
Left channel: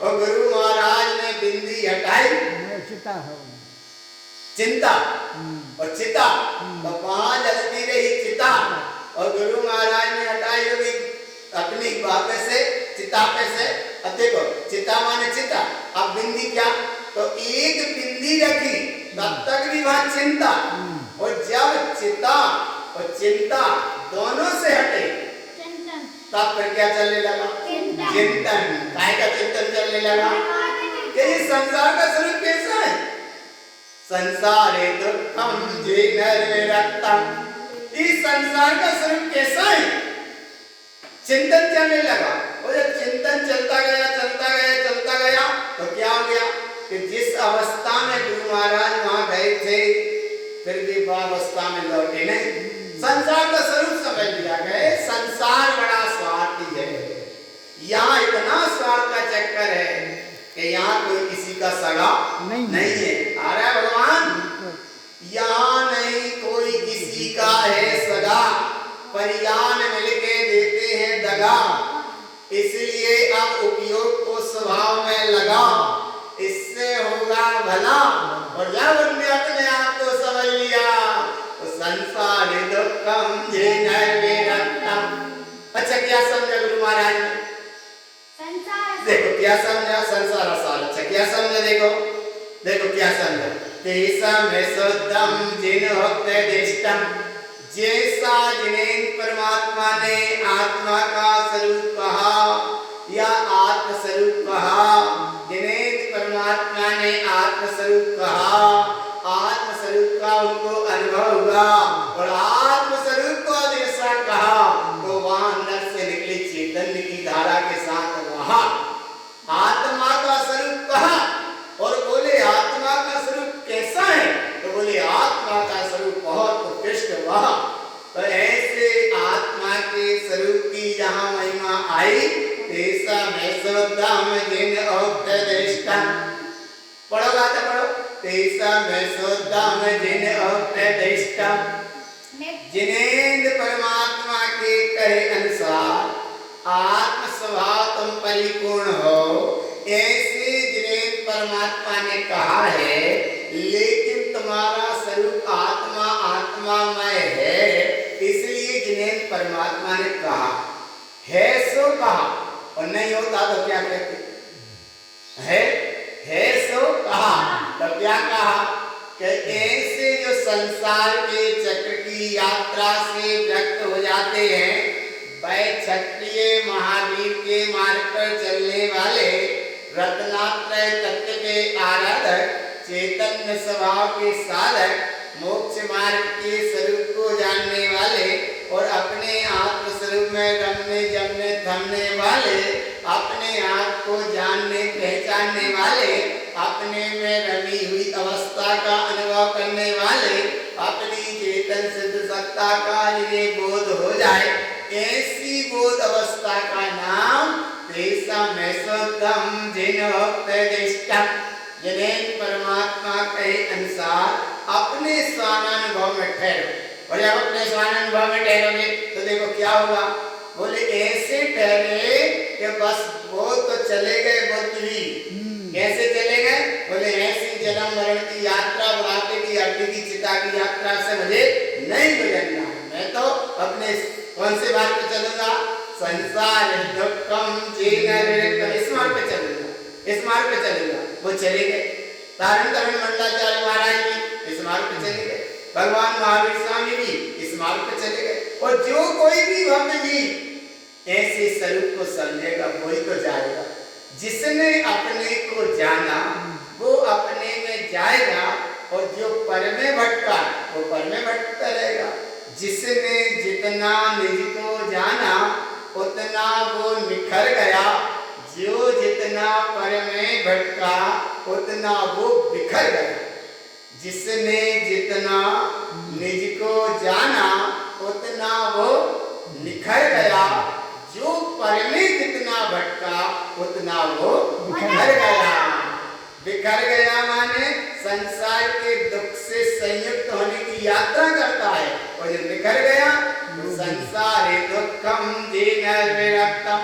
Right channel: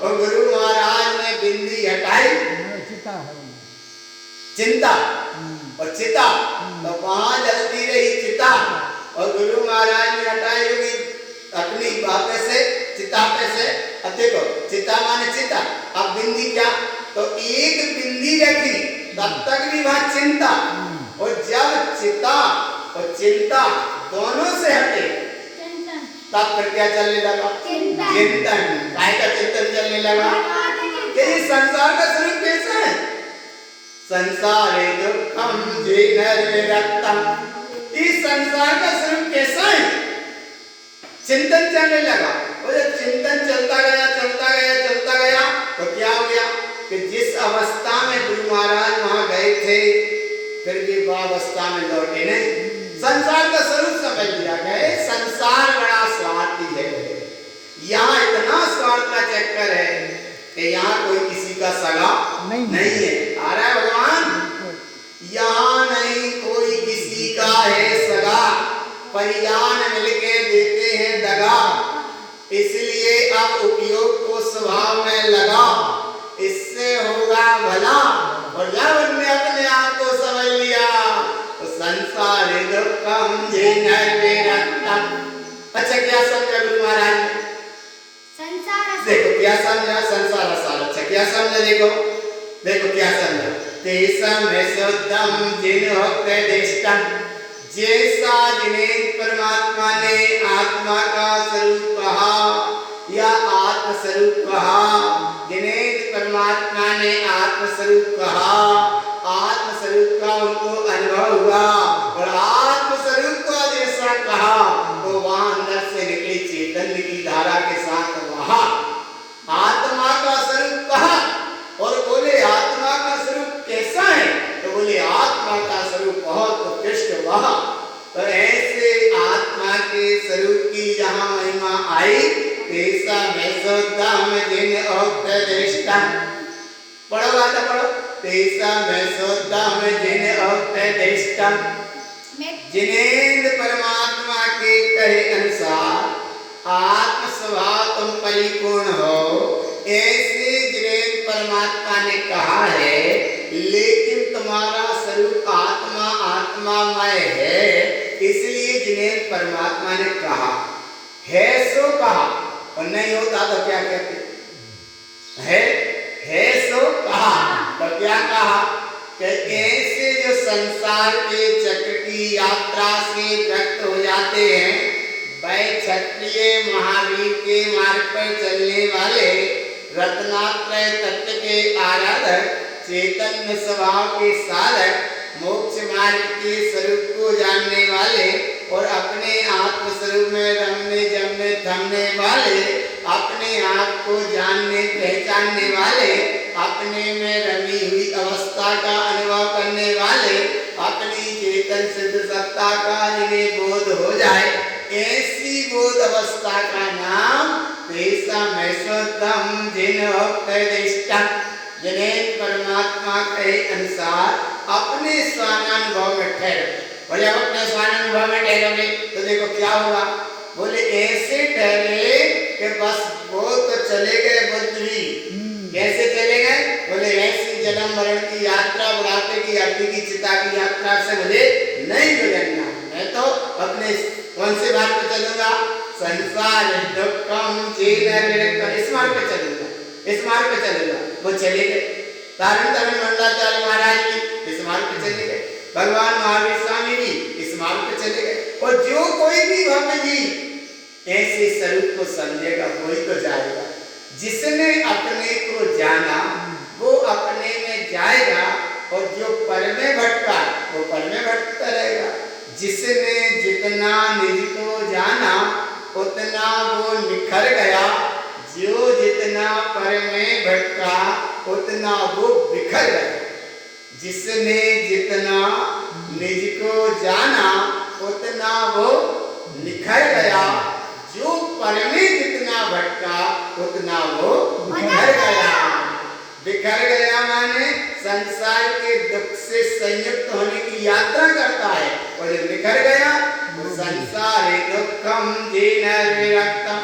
और गुरु महाराज ने बिंदी हटाई, चिंता और चिता, तो वहां जलती रही चिता और गुरु महाराज ने हटाई होगी अपनी बापे से, चिता पे से। अब देखो चिता माने चिता, अब बिंदी क्या, तो एक बिंदी रखी तब तक भी वहां चिंता, और जब चिता और चिंता दोनों से हटे तब फिर क्या चलने लगा, चिंतन। काय का चिंतन चलने लगा कि ये संसार का स्वरूप कैसा है, संसारे दुखम जीनरक्तम, इस संसार का स्वरूप कैसा है, चिंतन चलने लगा। और जब चिंतन चलता गया चलता गया चलता गया तो क्या हो गया कि जिस अवस्था में गुरु महाराज वहां गए थे फिर भी वह अवस्था में लौटे नहीं, संसार का स्वरूप समझ लिया गए। संसार बड़ा स्वार्थी है, यहाँ इतना स्वार्थ का चक्कर है कि यहाँ कोई किसी का सगा नहीं है। आ रहा है भगवान, यहाँ नहीं कोई किसी का है सगा, परिजान मिलके देते हैं दगा, इसलिए अब उपयोग को स्वभाव में लगा, इससे होगा भला। और जब उनने अपने आप को समझ लिया तो संसार दुखम जीनरक्तम। अच्छा क्या समझा गुरु महाराज ने, देखो क्या समझा, संसार सार। अच्छा क्या समझा, देखो देखो क्या समझा, तेसम शुद्धम जिनोक्तदिष्टम, जैसा जिन्हें परमात्मा ने आत्मा का स्वरूप कहा या आत्म स्वरूप कहा, जिन्हें परमात्मा ने आत्म स्वरूप कहा, आत्म स्वरूप का उनको अनुभव हुआ और आत्म स्वरूप को जैसा कहा तो वहां अंदर से निकली चैतन्य की धारा के साथ वहां आत्मा का स्वरूप कहा और बोले आत्मा का स्वरूप कैसा है, तो बोले आत्मा का स्वरूप बहुत उत्कृष्ट वहां। तो ऐसे आत्मा के स्वरूप की जहां महिमा आई, तेसा मैसोदम जिन औपदिष्टम, पढ़ोगा तो पढ़ो, तेसा मैसोदम जिन औपदिष्टम, जिनेन्द्र परमात्मा के कहे अनुसार आत्म स्वभाव तुम परिपूर्ण हो, ऐसे जिनेन्द्र परमात्मा ने कहा है, लेकिन तुम्हारा स्वरूप आत्मा आत्मामय है, इसलिए जिनेन्द्र परमात्मा ने कहा है सो कहा, और नहीं होता तो क्या कहते है सो कहा, तो क्या कहा कि ऐसे जो संसार के चक्र की यात्रा से व्यक्त हो जाते हैं, वह क्षत्रिय महावीर के मार्ग पर चलने वाले रत्नात्रय तत्व के आराधक, चैतन्य स्वभाव के साधक, मोक्ष मार्ग के स्वरूप को जानने वाले और अपने आत्म स्वरूप में रमने जमने थमने वाले, अपने आप को जानने पहचानने वाले, अपने में रमी हुई अवस्था का अनुभव करने वाले, अपनी चेतन सिद्ध सत्ता का जिन्हें बोध हो जाए, ऐसी बोध अवस्था का नाम तेसा मैसोदम जिनोक्तदिष्टम, जिन्हें परमात्मा के अनुसार अपने स्वानुभव में ठहरो। और जब अपने स्वानुभव में ठहरोगे तो देखो क्या होगा, बोले ऐसे ठहरे कि बस वो तो चले गए बुद्ध भी, कैसे चले गए, बोले ऐसी जन्म मरण की यात्रा, बुढ़ापे की अवधि की चिता की यात्रा से मुझे नहीं गुजरना, मैं तो अपने कौन से मार्ग पे चलूंगा, संसार दुखम जीनरक्तम, इस मार्ग पे चलूंगा, इस मार्ग पे चलूंगा। वो चले गए, तारण तारण मंडलाचार्य महाराज भी इस मार्ग पे चले गए, भगवान महावीर स्वामी भी इस मार्ग पे चले गए। और जो कोई भी भक्त जी ऐसे स्वरूप को समझेगा वही तो जाएगा, जिसने अपने को जाना वो अपने में जाएगा, और जो पर में भटका वो पर में भटकता रहेगा। जिसने जितना निज को जाना उतना वो निखर गया, जो जितना पर में भटका उतना वो बिखर गया। जिसने जितना निज को जाना उतना वो निखर गया, जो पर में जितना भटका उतना वो बिखर गया। बिखर गया माने संसार के दुख से संयुक्त होने की यात्रा करता है और जो निखर गया वो संसार दुखम दीन विरक्तम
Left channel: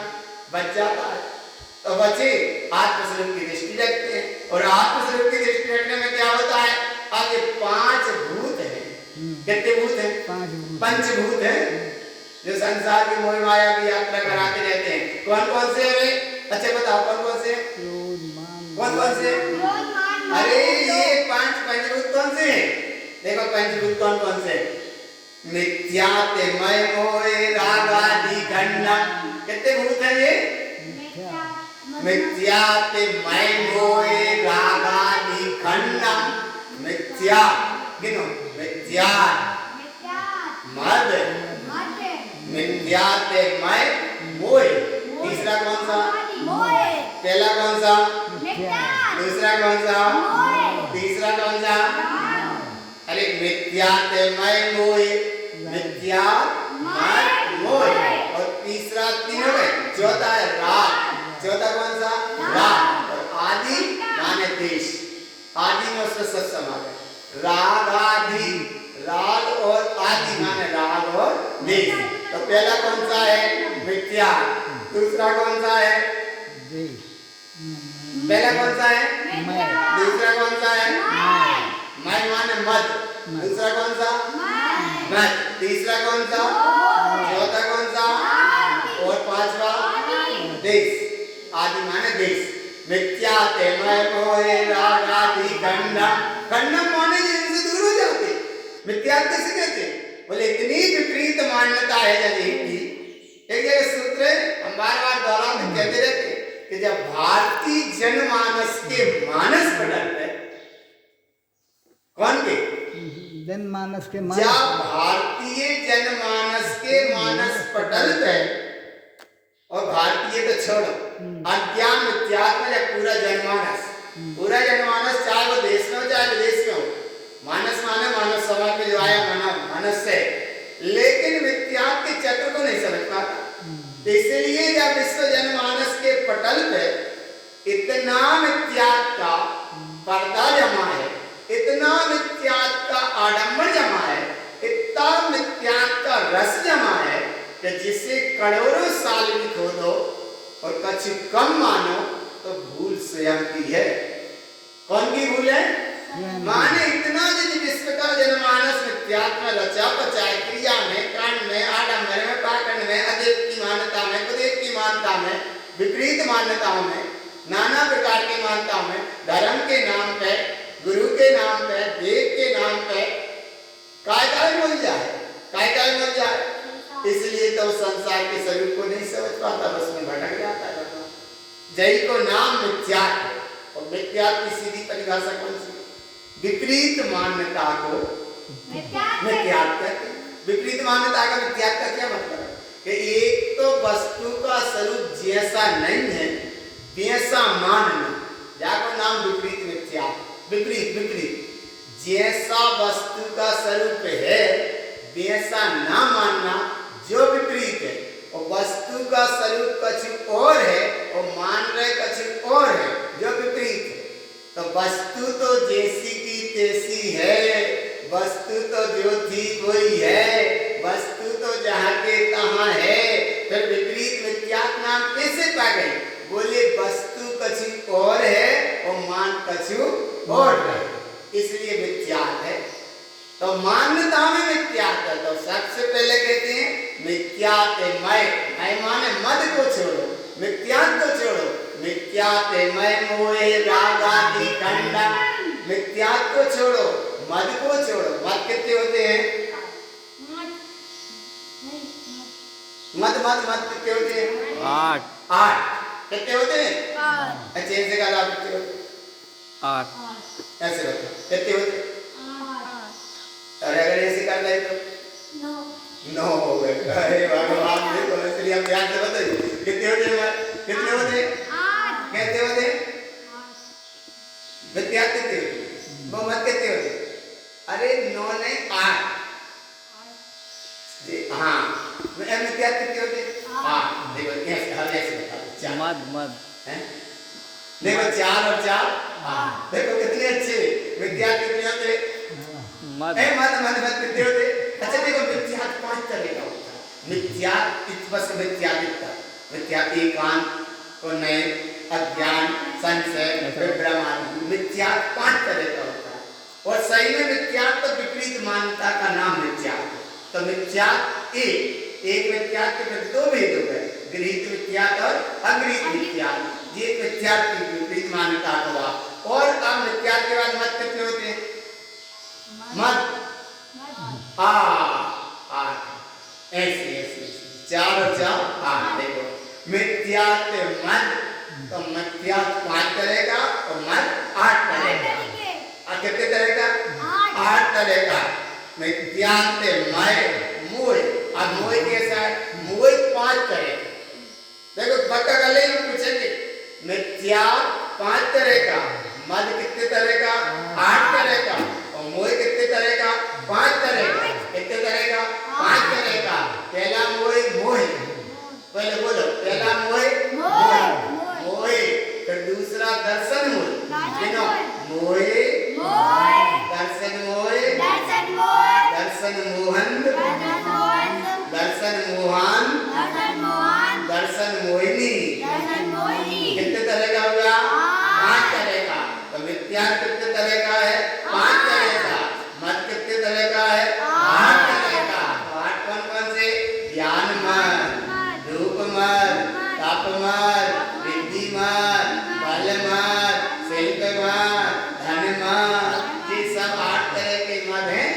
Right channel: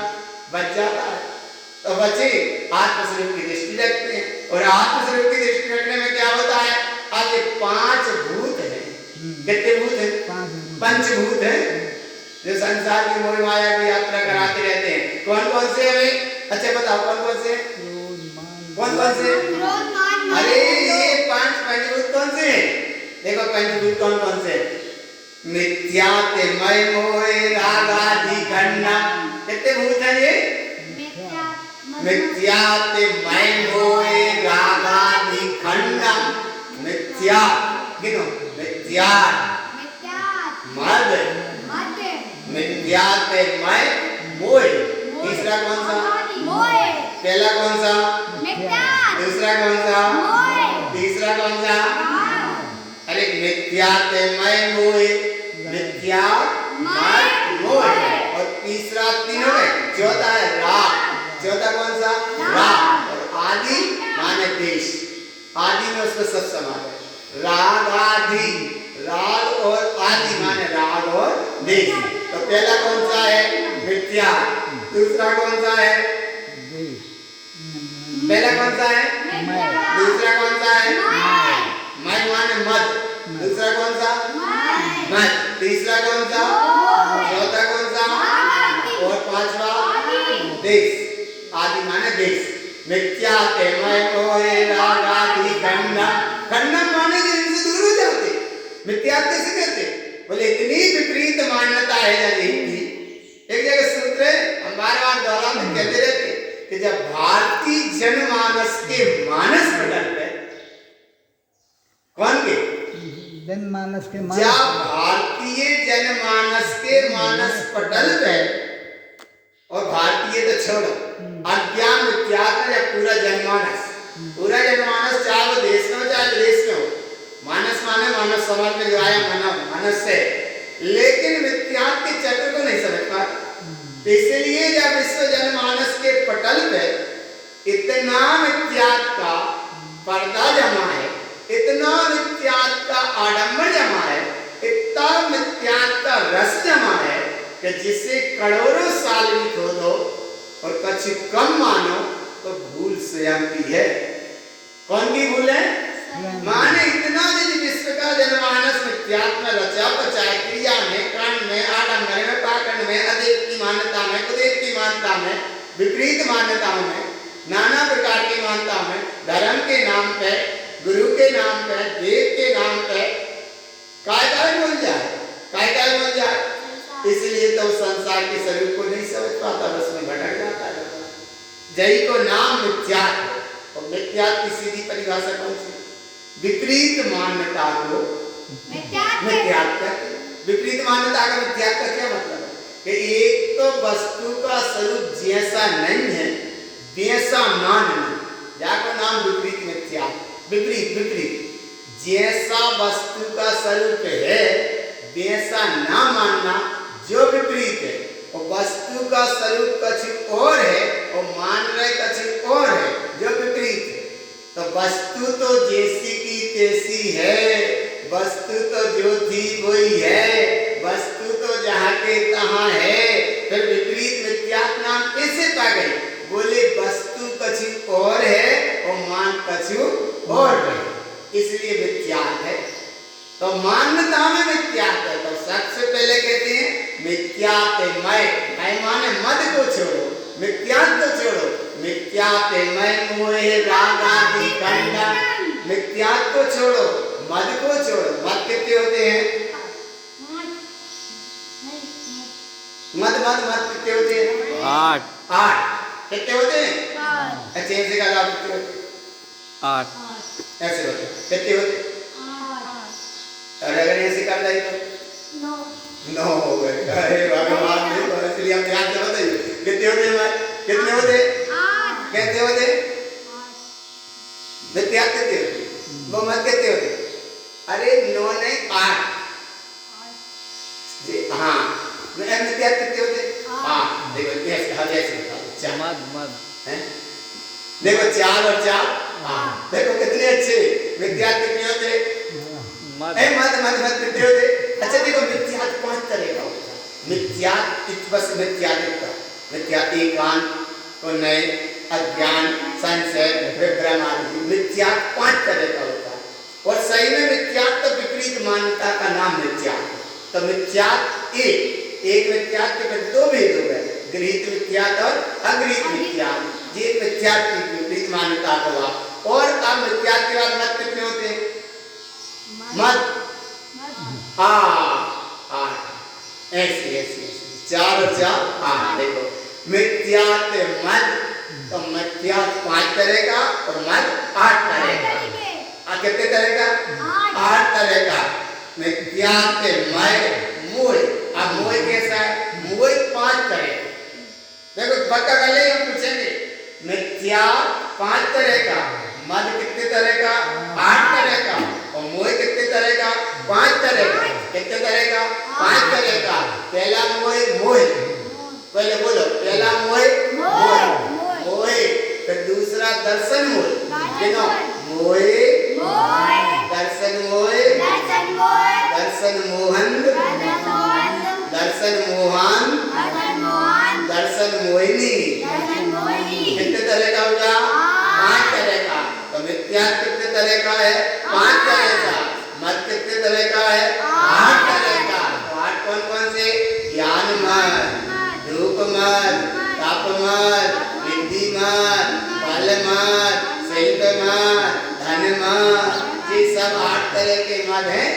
बच जाता है। तो बच्चे आत्मस्वरूप की दृष्टि रखते हैं और आत्मस्वरूप की दृष्टि रखने में क्या होता है, अब ये 5 भूत हैं। कितने भूत हैं? पंचभूत हैं जो संसार की मोह माया की यात्रा कराते रहते हैं। कौन कौन से हमें अच्छा बताओ, कौन कौन से? कौन कौन से? अरे ये 5 पंचभूत कौन से हैं? देखो पंचभूत कौन कौन से? मिथ्या मय मोह राग आदि गणना। कितने भूत हैं ये? मिथ्या मय मोह राग आदि खंडा। मिथ्या गिनो, मिथ्या मद, मिथ्या मय मोह। तीसरा कौन सा? पहला कौन सा? दूसरा कौन सा? तीसरा कौन सा? अरे मिथ्या मय मोह, मिथ्या मद मोह, और तीसरा तीनों में चौथा है राग। चौथा कौन सा? राग। और आदि माने देश। आदि में उसका सब समाज है। राग आदि, राग और आदि माने राग और देश। तो पहला कौन सा है? मिथ्या। दूसरा कौन सा है? पहला कौन सा है? दूसरा कौन सा है? मय माने मद। दूसरा कौन सा? मद। तीसरा कौन सा? चौथा कौन सा? और पांचवा देश। आदि माने देश। मिथ्या मय मोह राग आदि खंडन। खंडन माने जिनसे दूर हो जाते। मिथ्या किसे कहते? बोले इतनी विपरीत मान्यता है जब की एक जगह सूत्र है, हम बार-बार दोहराते कहते रहते कि जब भारतीय जनमानस के मानस पटल पे, कौन के? जनमानस के मानस, जब भारतीय जनमानस के मानस पटल पे, और भारतीय तो छोड़ो, अज्ञान मिथ्यात्व या पूरा जनमानस, पूरा जनमानस चाहे वो देश में हो चाहे विदेश में हो, मानस माने मानव समाज में जो आया मानव मानस है, लेकिन मिथ्यात्व के चक्र को नहीं समझ पाता। इसलिए जब विश्व जनमानस के पटल पे इतना मिथ्यात्व का पर्दा जमा है, इतना मिथ्यात्व का आडंबर जमा है, इतना मिथ्यात्व का रस जमा है कि जिसे करोड़ों साल भी खोदो और कुछ कम मानो तो भूल स्वयं की है। कौन की भूल है? माने इतना यदि विश्व का जनमानस मिथ्यात्व में रचा पचाए, क्रिया में, कांड में, आडंबर में, पाखंड में, अदेव की मान्यता में, कुदेव की मान्यता में, विपरीत मान्यताओं में, नाना प्रकार की मान्यताओं में, धर्म के नाम पे, गुरु के नाम पे, देव के नाम पे काय बोल जाए, काय बोल जाए। इसलिए तो संसार के स्वरूप को नहीं समझ पाता, बस में भटक जाता है। जय को नाम मिथ्यात्व, और मिथ्यात्व की सीधी परिभाषा कौन सी? विपरीत मान्यता को मिथ्यात्व। विपरीत मान्यता का मिथ्यात्व का क्या मतलब है? कि एक तो वस्तु का स्वरूप जैसा नहीं है वैसा मानना, जाको नाम विपरीत मिथ्यात्व। विपरीत विपरीत जैसा वस्तु का स्वरूप है वैसा ना मानना जो विपरीत है, और वस्तु का स्वरूप कुछ और है और मान रहे कुछ और है जो विपरीत है। तो वस्तु तो जैसी की तैसी है, वस्तु तो जो थी वही है, वस्तु तो जहाँ के तहाँ है, फिर विपरीत मिथ्यात्व नाम कैसे पा गई? बोले वस्तु कुछ और है और मान कुछ और है, इसलिए मिथ्यात्व है। तो मान्यता में मिथ्यात्व है। तो सबसे पहले कहते हैं मिथ्यात्व मय माने मद को छोड़ो, मिथ्यात्व को छोड़ो। मिथ्यात्व मय मोह राग आदि खंडन। मिथ्यात्व को छोड़ो, मद को छोड़ो। मद कितने होते हैं? मद मद मद कितने होते हैं? 8 कितने होते हैं? अच्छा ऐसे का लाभ कितने होते हैं? 8 ऐसे होते कितने होते हैं? और अगर ऐसे कर रही तो 9 हो गए। अरे भगवान ने तो इसलिए हम ध्यान से बताइए कितने होते हैं? कितने होते हैं? कितने होते हैं? मिथ्यात्व कितने होते? वो मत कितने होते? अरे 9 ने 8 जी हाँ। मिथ्यात्व कितने होते? हाँ देखो ऐसे हम ऐसे बताओ 4 मद हैं। देखो 4 और 4 देखो कितने अच्छे मिथ्यात्व कितने होते मत मत कितने होते। अच्छा देखो मिथ्यात्व 5 तरह का होता है। मिथ्यात्व बस मिथ्यात्व एकांत को नए अज्ञान संशय विभ्रम आदि मिथ्यात्व 5 तरह का होता है। और सही में मिथ्यात्व विपरीत मान्यता का नाम मिथ्यात्व। तो मिथ्यात्व एक मिथ्यात्व में 2 भेद हो गए, गृहीत मिथ्यात्व और अगृहीत मिथ्यात्व। ये मिथ्यात्व की विपरीत मान्यता का हुआ। और अब मिथ्यात्व के बाद मत कितने होते हैं? मत ऐसे 4 और 4 देखो मिथ्यात्व मत, तो मिथ्यात्व 5 तरह का और मत 8 तरह का। कितने तरह का? 8 तरह का। मिथ्यात्व मय मोह। अब मोह कैसा है? मोह 5 तरह का। देखो पक्का कर ले, हम पूछेंगे मिथ्या 5 तरह का, मद कितने तरह का? 8 तरह का। और मोह कितने तरह का? 5 तरह का। कितने तरह का? 5 तरह का। पहला मोह पहले बोलो, पहला मोह फिर दूसरा दर्शन मोह। देखो मोह दर्शन मोह, दर्शन मोहन, दर्शन मोहन, दर्शन मोहिनी। कितने तरह का होगा? 5 तरह का। तो मिथ्यात्व कितने तरह का है? 5 तरह का। मत कितने तरह का है? 8 तरह का। तो 8 कौन कौन से? ज्ञान मत, धूप मत, तप मत, विद्धि मत, बल मत, शिल्प मत, धन मत। ये सब 8 तरह के मत हैं।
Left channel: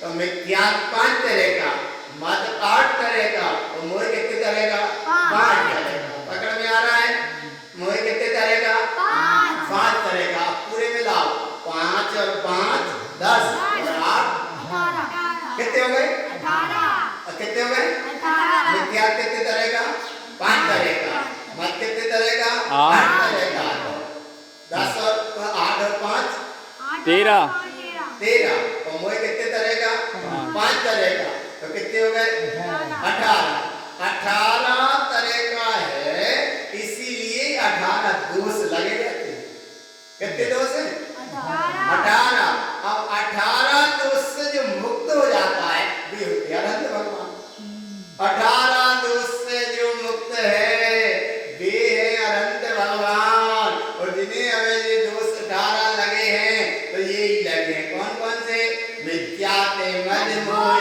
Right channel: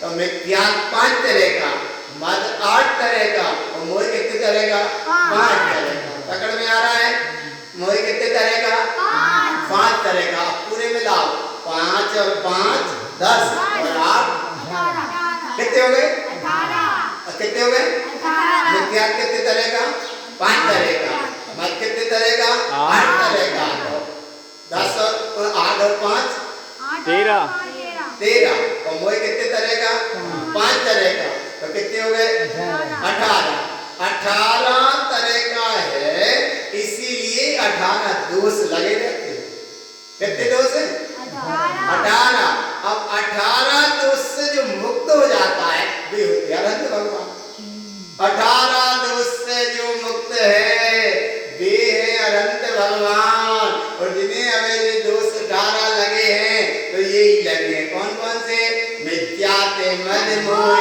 तो मिथ्यात्व 5 तरह का, मत 8 तरह का और मोह कितने तरह का? 5 तरह का। पकड़ में आ रहा है? मोह कितने तरह का? 5 तरह का। पूरे मिलाओ 5 और 5 10 और 8 कितने हो गए? 18। कितने हो गए? मिथ्यात्व कितने तरह का? 5 तरह का। मत कितने तरह का? 8 तरह का। तो 10 और 8 और 5 13। और मोह कितने तरह का? 5 तरह का। तो कितने हो गए? 18 तरह का है। इसीलिए 18 दोष लगे रहते हैं। कितने दोष हैं? 18। अब 18 दोष से जो मुक्त हो जाता है वे होते हैं अनंत भगवान। 18 दोष से जो मुक्त है वे है अनंत भगवान। और जिन्हें हमें ये दोष 18 लगे हैं तो यही लगे हैं। कौन कौन से? मिथ्यात्व मद मोह।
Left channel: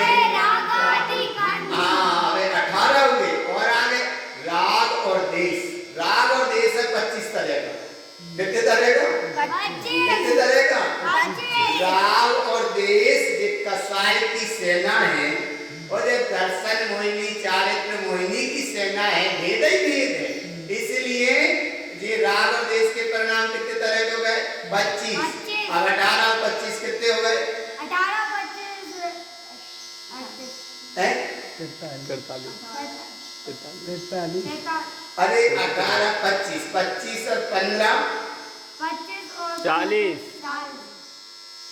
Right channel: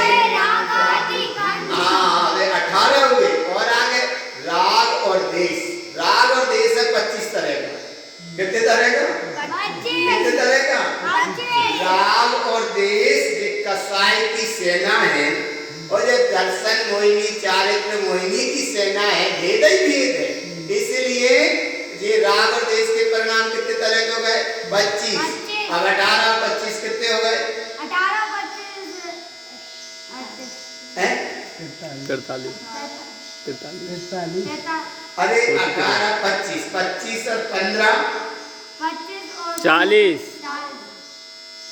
हाँ 18 हुए। और आगे राग और देश। राग और देश है 25 तरह का। कितने तरह का? कितने तरह का? राग और देश ये कसाई की सेना है और ये दर्शन मोहिनी चारित्र मोहिनी की सेना है। भेद ही भेद है। इसलिए ये राग और देश के परिणाम कितने तरह के हो गए? 25। अब 18 और 25 कितने हो गए? 43। अरे 18 25 और 15 40।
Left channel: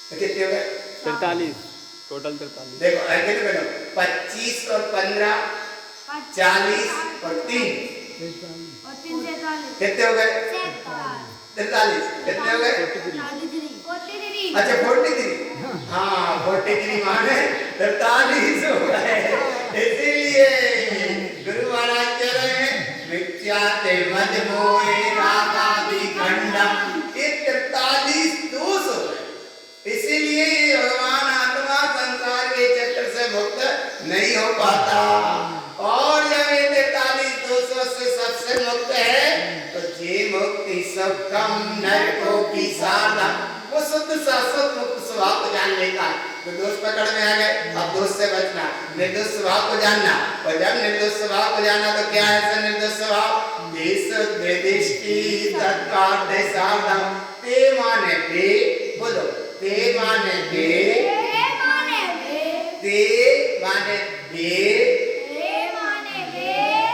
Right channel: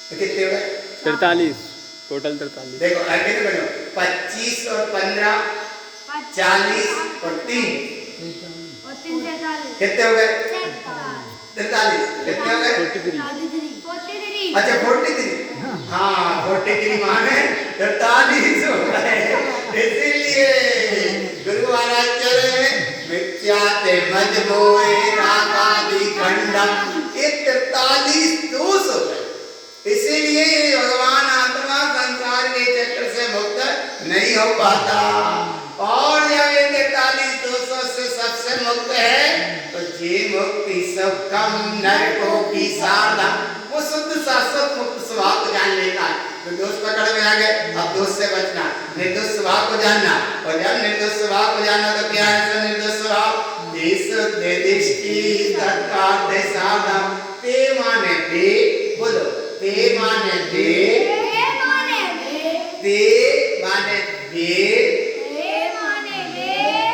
तो कितने हो गए? 43 टोटल 43। देखो आगे बढ़ो 25 और 15 40 और 3 कितने हो गए? 43। कितने हो गए? 43। अच्छा 43। हाँ 43 माने 43 हो गए। इसीलिए गुरु महाराज कह रहे हैं मिथ्यात्व मद मोह रागादि खंडम। ये 43 दोष हो गए। इसीलिए भगवान आत्मा संसार के चक्र से मुक्त नहीं हो पाता। और जब ये 43 दोषों से सबसे मुक्त है तो ये मुक्ति सब कम नरकों की साधना। वो शुद्ध शाश्वत मुक्त स्वभाव को जान लेता है। तो दोष पकड़ में आ गए, अब दोष से बचना, निर्दोष स्वभाव को जानना। और जब निर्दोष स्वभाव को जाना तो क्या है निर्दोष स्वभाव? देश दृष्टि तत्कार्य साधन। ते माने बे, बोलो ते माने बे, ते माने बे,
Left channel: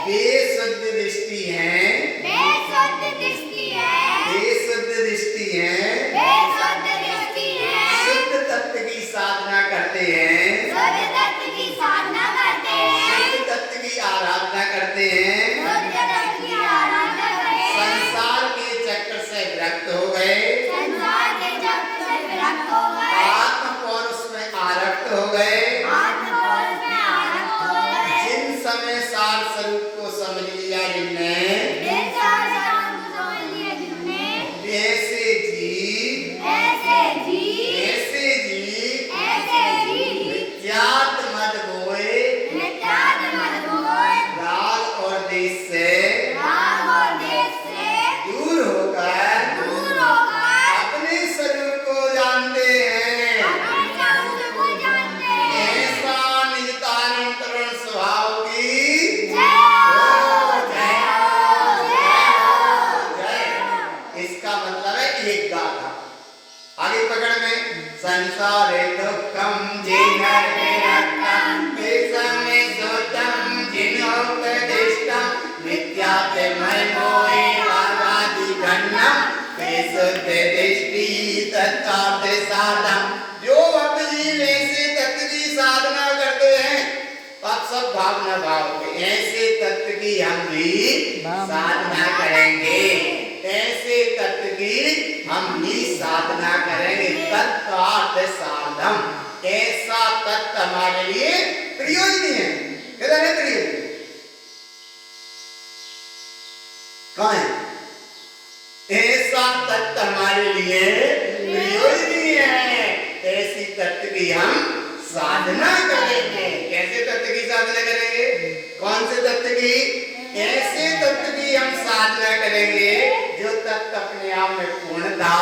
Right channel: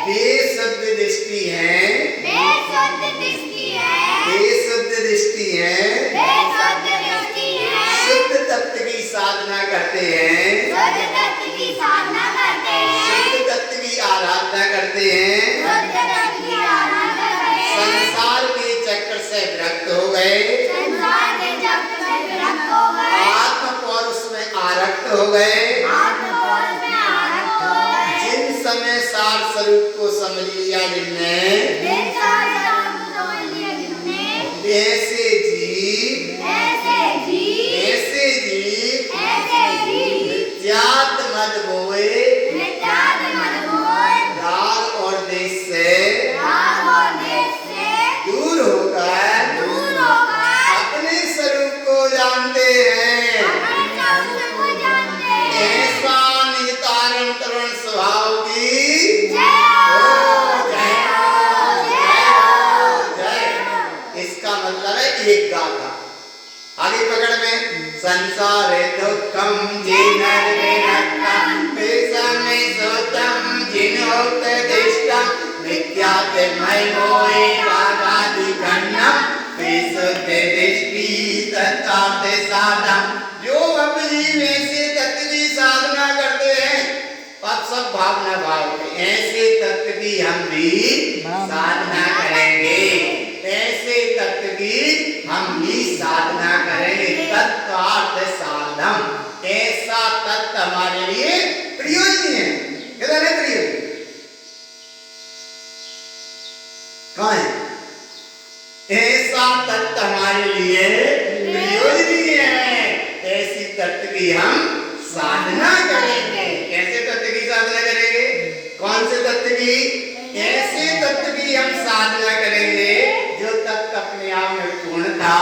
बेशुद्ध दृष्टि है, बेशुद्ध दृष्टि है, शुद्ध तत्व की साधना करते हैं, शुद्ध तत्व की आराधना करते हैं, संसार के चक्र से विरक्त हो गए, संसारे दुःखं जिनर्विरक्तं तेषामे सुतं जिनोक्तदिष्टं नित्यात्मैमोहि रागादिगण्यं तेषुद्दिष्टि तत्काते साधं। जो अपनी ऐसे तत्व की साधना करते हैं, अब सब भावना भाव में ऐसे तत्व की हम भी साधना करेंगे, ऐसे तत्व की हम भी साधना करेंगे। तत्कार्थ साधम, ऐसा तत्व हमारे लिए प्रयोजनीय है। किधर है प्रयोजन? कहाँ है? ऐसा तत्व हमारे लिए प्रयोजनीय है, ऐसी तत्व की हम साधना करेंगे। कैसे तत्व की साधना करेंगे? कौन से तत्व की? ऐसे तत्व की हम साधना करेंगे जो तत्व अपने आप में पूर्णता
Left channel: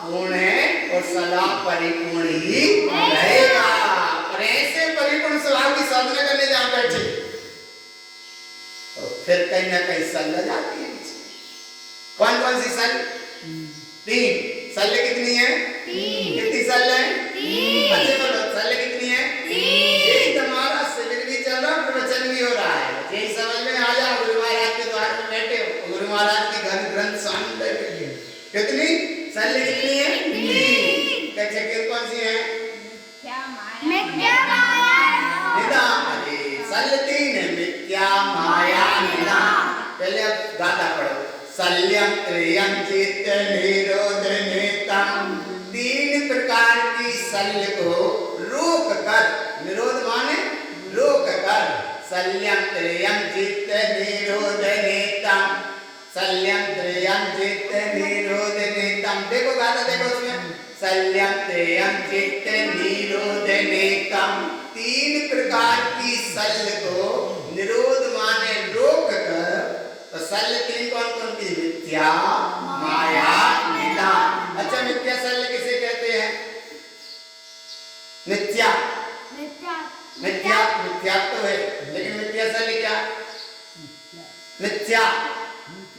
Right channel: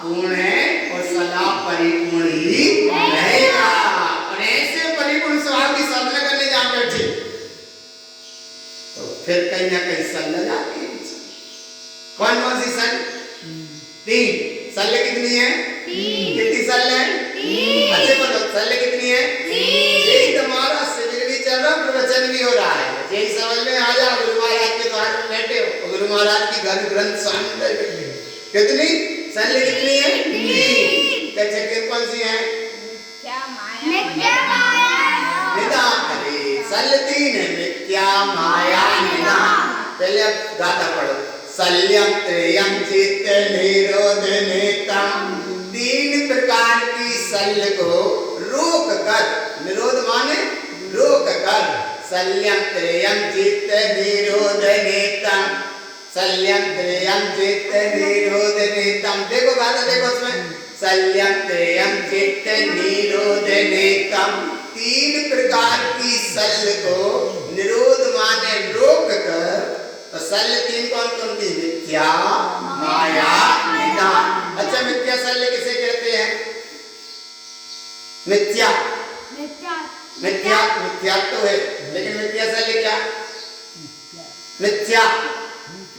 पूर्ण है और सदा परिपूर्ण ही रहेगा। और ऐसे परिपूर्ण स्वभाव की साधना करने जहाँ बैठे तो फिर कहीं ना कहीं सल जाती है। कौन कौन सी सल? 3 सल कितनी है? कितनी सल है? अच्छे बोलो, सल कितनी है? यही तुम्हारा शिविर भी चल रहा, प्रवचन भी हो रहा है। यही समझ में आ जाओ। गुरु महाराज के द्वार में बैठे हो, गुरु महाराज की घर ग्रंथ स्वामी बैठे। कितनी सल कितनी है? 3। कैसे कौन सी है? निदान। अरे सल 3 है, मिथ्या माया निदान। पहले अब गाथा पढ़ो। सल्यम त्रयम चित्त निरोध नेतम, 3 प्रकार की सल को रोक कर, निरोध माने रोक कर, सल्यम त्रयम चित्त निरोध नेतम, सल्यम त्रयम चित्त निरोध नेतम। देखो गाथा देखो उसमें, सल्यम त्रयम चित्त निरोध नेतम, 3 प्रकार की सल को निरोध माने रोक कर। तो सल 3 कौन कौन सी? मिथ्या माया निदान। अच्छा, मिथ्या सल किसे कहते हैं? मिथ्या मिथ्या मिथ्या तो है, लेकिन मिथ्या सल क्या? मिथ्या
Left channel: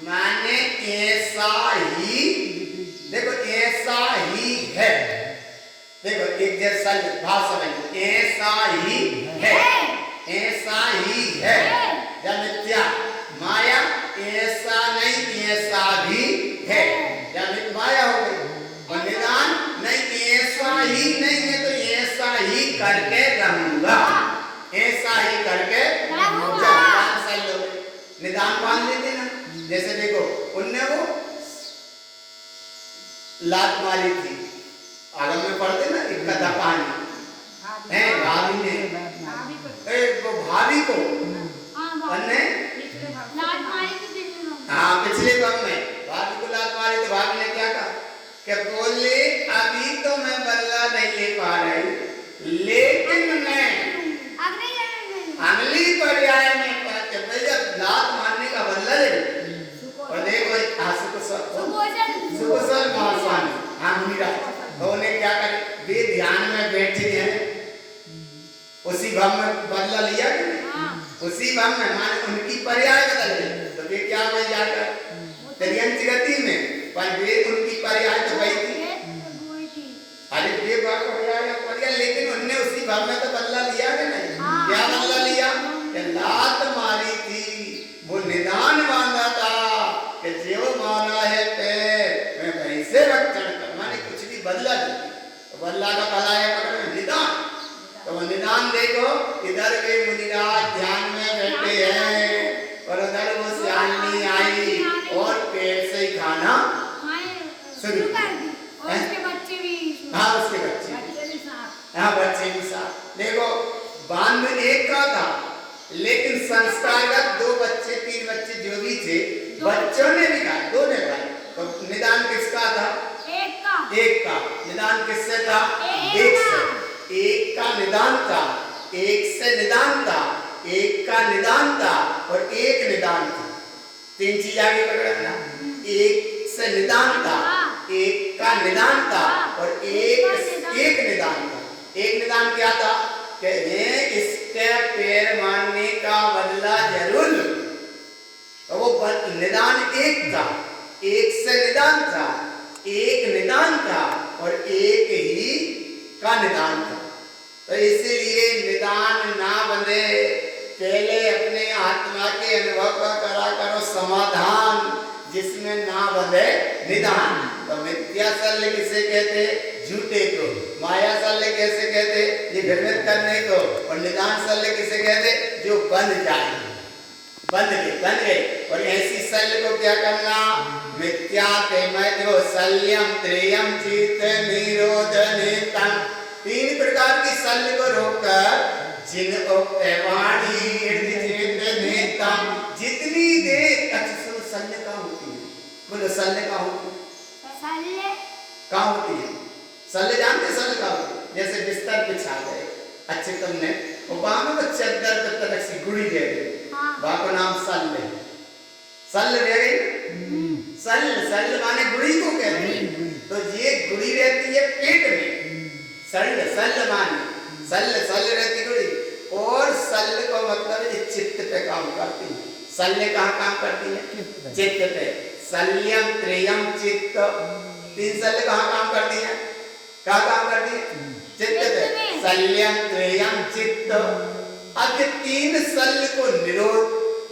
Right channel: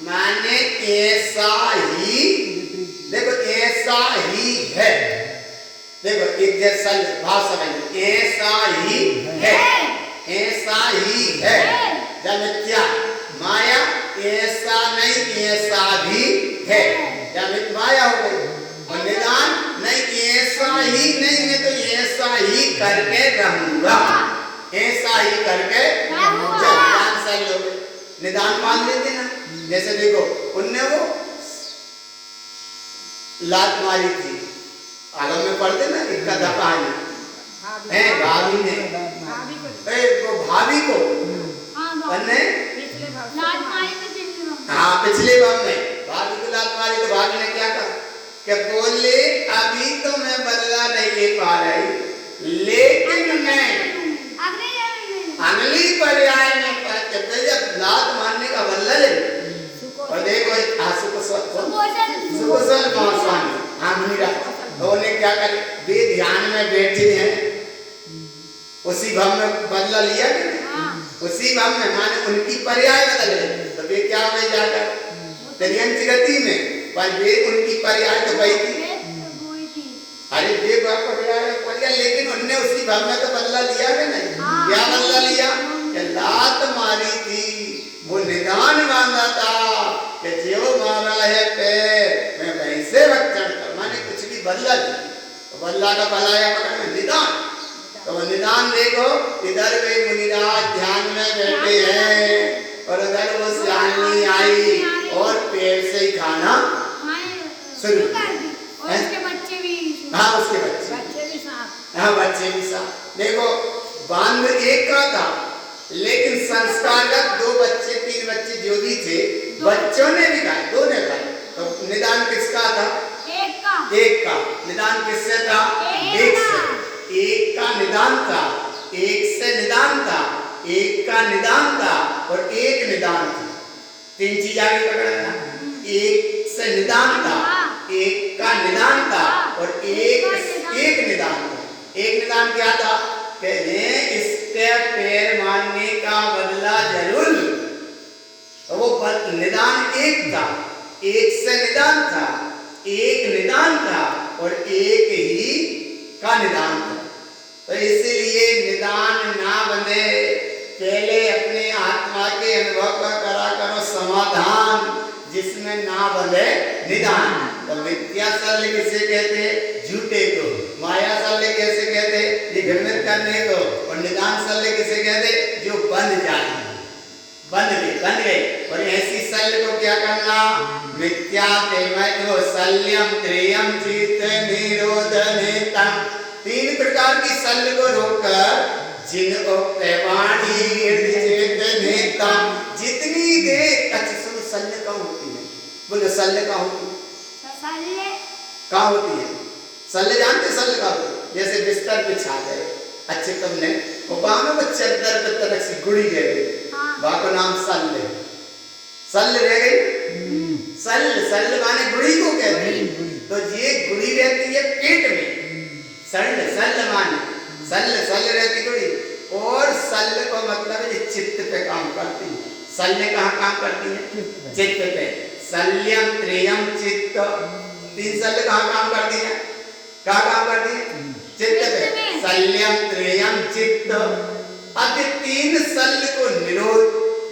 माने ऐसा ही, देखो ऐसा ही है। देखो एक जैसा भाव समझ, ऐसा ही है, ऐसा ही है। जब मिथ्या माया ऐसा नहीं ऐसा भी है, जब माया हो गई। और निदान नहीं ऐसा ही नहीं है तो ऐसा ही करके रहूंगा, ऐसा ही करके निदान मान लेते ना। जैसे देखो उनने वो लात मारी थी, आगम में पढ़ते ना, एक कथा कहानी है। भाभी ने वो भाभी को हाँ पिछले भाग में भाभी को लात मारी तो भाभी ने क्या कहा कि बोले अभी तो मैं बदला नहीं ले पा रही, लेकिन मैं अगली पर्याय में जब लात मारने का बदला ले। और देखो सुकुशल गोस्वामी हाँ मीरा तो उन्हें क्या करे, वे ध्यान में बैठे हैं, उसी भाव में बदला लिया कि उसी भाव में माने उनकी पर्याय बदल गई। तो वे क्या हुए जाकर त्रियंत गति में, पर वे उनकी पर्याय तो गई थी। अरे वे पर्याय लेकिन उनने उसी भाव में तो बदला लिया कि नहीं? क्या बदला लिया? कि लात मारी थी वो निदान बांधा था कि जो मारा है पैर मैं वैसे रक्षण कर, माने कुछ भी बदला दी तो बदला का पलाया पकड़ना निदान। तो निदान देखो इधर वे मुनिराज ध्यान में बैठे हैं और अगर वो श्यामनी आई और पेड़ से ही खाना शुरू और उसके बच्चे भी हाँ उसके बच्चे हाँ बच्चे भी साथ। देखो बांध एक का था लेकिन संस्कारगत 2 बच्चे 3 बच्चे जो भी थे बच्चों ने भी खाए, 2 ने खाए। तो निदान किसका था? एक का निदान किससे था? एक से। एक का निदान था, एक से निदान था, एक का निदान था और एक निदान था। 3 चीज आगे पकड़ना, एक से निदान था, एक का निदान था और एक निदान था। एक निदान क्या था कि इसके पैर मारने का बदला जरूर। तो वो निदान एक था, एक से निदान था, एक निदान था और एक ही का निदान था। तो इसीलिए निदान ना बने, पहले अपने आत्मा के अनुभव का करा करो समाधान, जिसमें ना बने निदान। तो मिथ्या शल्य किसे कहते? झूठे को। माया शल्य कैसे कहते? ये भ्रमित करने को। और निदान शल्य किसे कहते? जो बन जाए, बन गए। और ऐसी शल्य को क्या करना? मिथ्या तेमयो शल्यम त्रयम चित्त निरोधनेतम। 3 प्रकार की शल्य को रोककर जिन वाणी नेतम, जितनी देर अच्छी शल्य कहाँ होती है? बोलो शल्य कहाँ होती है? कहाँ होती है शल्य? जानते शल्य कहाँ होती है? जैसे बिस्तर बिछा गए अच्छे तुमने, वहां में चद्दर पे तलक से गुड़ी रह गई, वहां का नाम शल्य। शल्य रह गई। शल्य माने गुड़ी को कहते हैं। तो ये गुड़ी रहती है पेट में, शल्य माने शल्य रहती गुड़ी। और शल्य को मतलब ये चित्त पे काम करती है। शल्य कहाँ काम करती है? चित्त पे। शल्यम त्रयम चित्त, 3 शल्य कहाँ काम करती है? कहाँ काम करती है? चित्त पे। शल्यम त्रयम चित्त। अब ये 3 शल्य को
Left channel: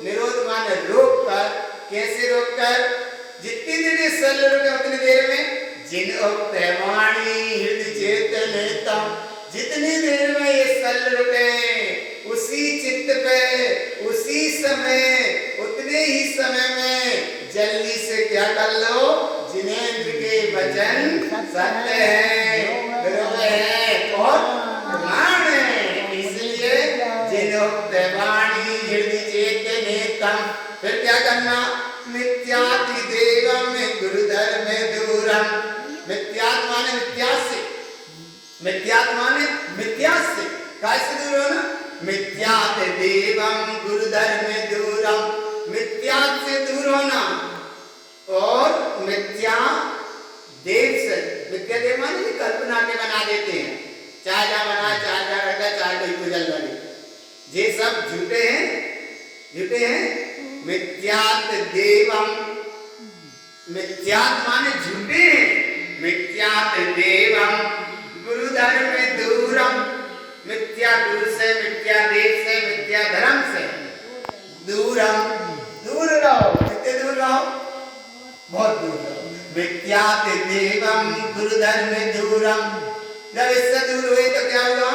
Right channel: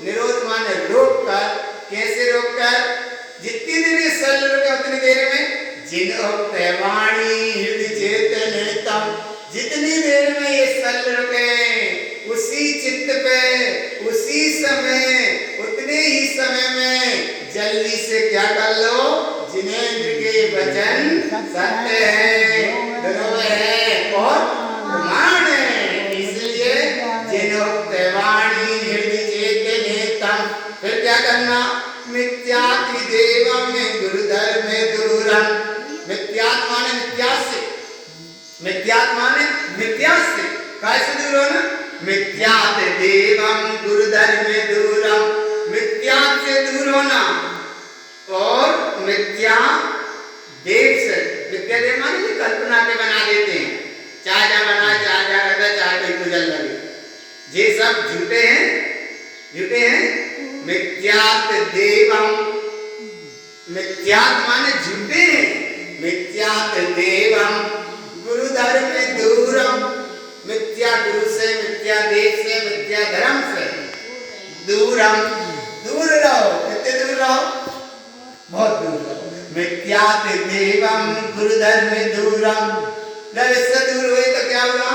निरोध माने रोक कर। कैसे रोक कर? जितनी देर ये शल्य रुके उतनी देर में जिन वाणी हृदय चेतनेतम, जितनी देर में ये शल्य रुके उसी चित्त पे, उसी समय, उतने ही समय में जल्दी से क्या कर लो? जिनेंद्र के वचन सत्य है, ध्रुव है और प्रमाण है। इसलिए जिनोक्त वाणी हृदय चेतनेतम। फिर क्या करना? मिथ्याति देवम गुरुधर्म दूरम। मिथ्यात् माने मिथ्यास्य, मिथ्यात् माने मिथ्यास्य। कैसे दूर होना? मिथ्यात् देवम गुरुधर्म दूरम, मिथ्यात् से दूर होना। और मिथ्या देव से, मिथ्या देव माने कि कल्पना के बना देते हैं, चाहे जा बना, चाहे जा करता, चाहे कोई गुजल लगे, ये सब झूठे हैं। मिथ्यात् देवम, मिथ्यात् माने झूठे हैं। मिथ्यात् देवम गुरुधर्म दूरम, मिथ्या गुरु से, मिथ्या देव से, मिथ्या धर्म से दूरम, दूर रहो। कितने दूर रहो? बहुत दूर रहो। मिथ्यात् देवम गुरुधर्म दूरम। जब इससे दूर हुई तो क्या हुआ?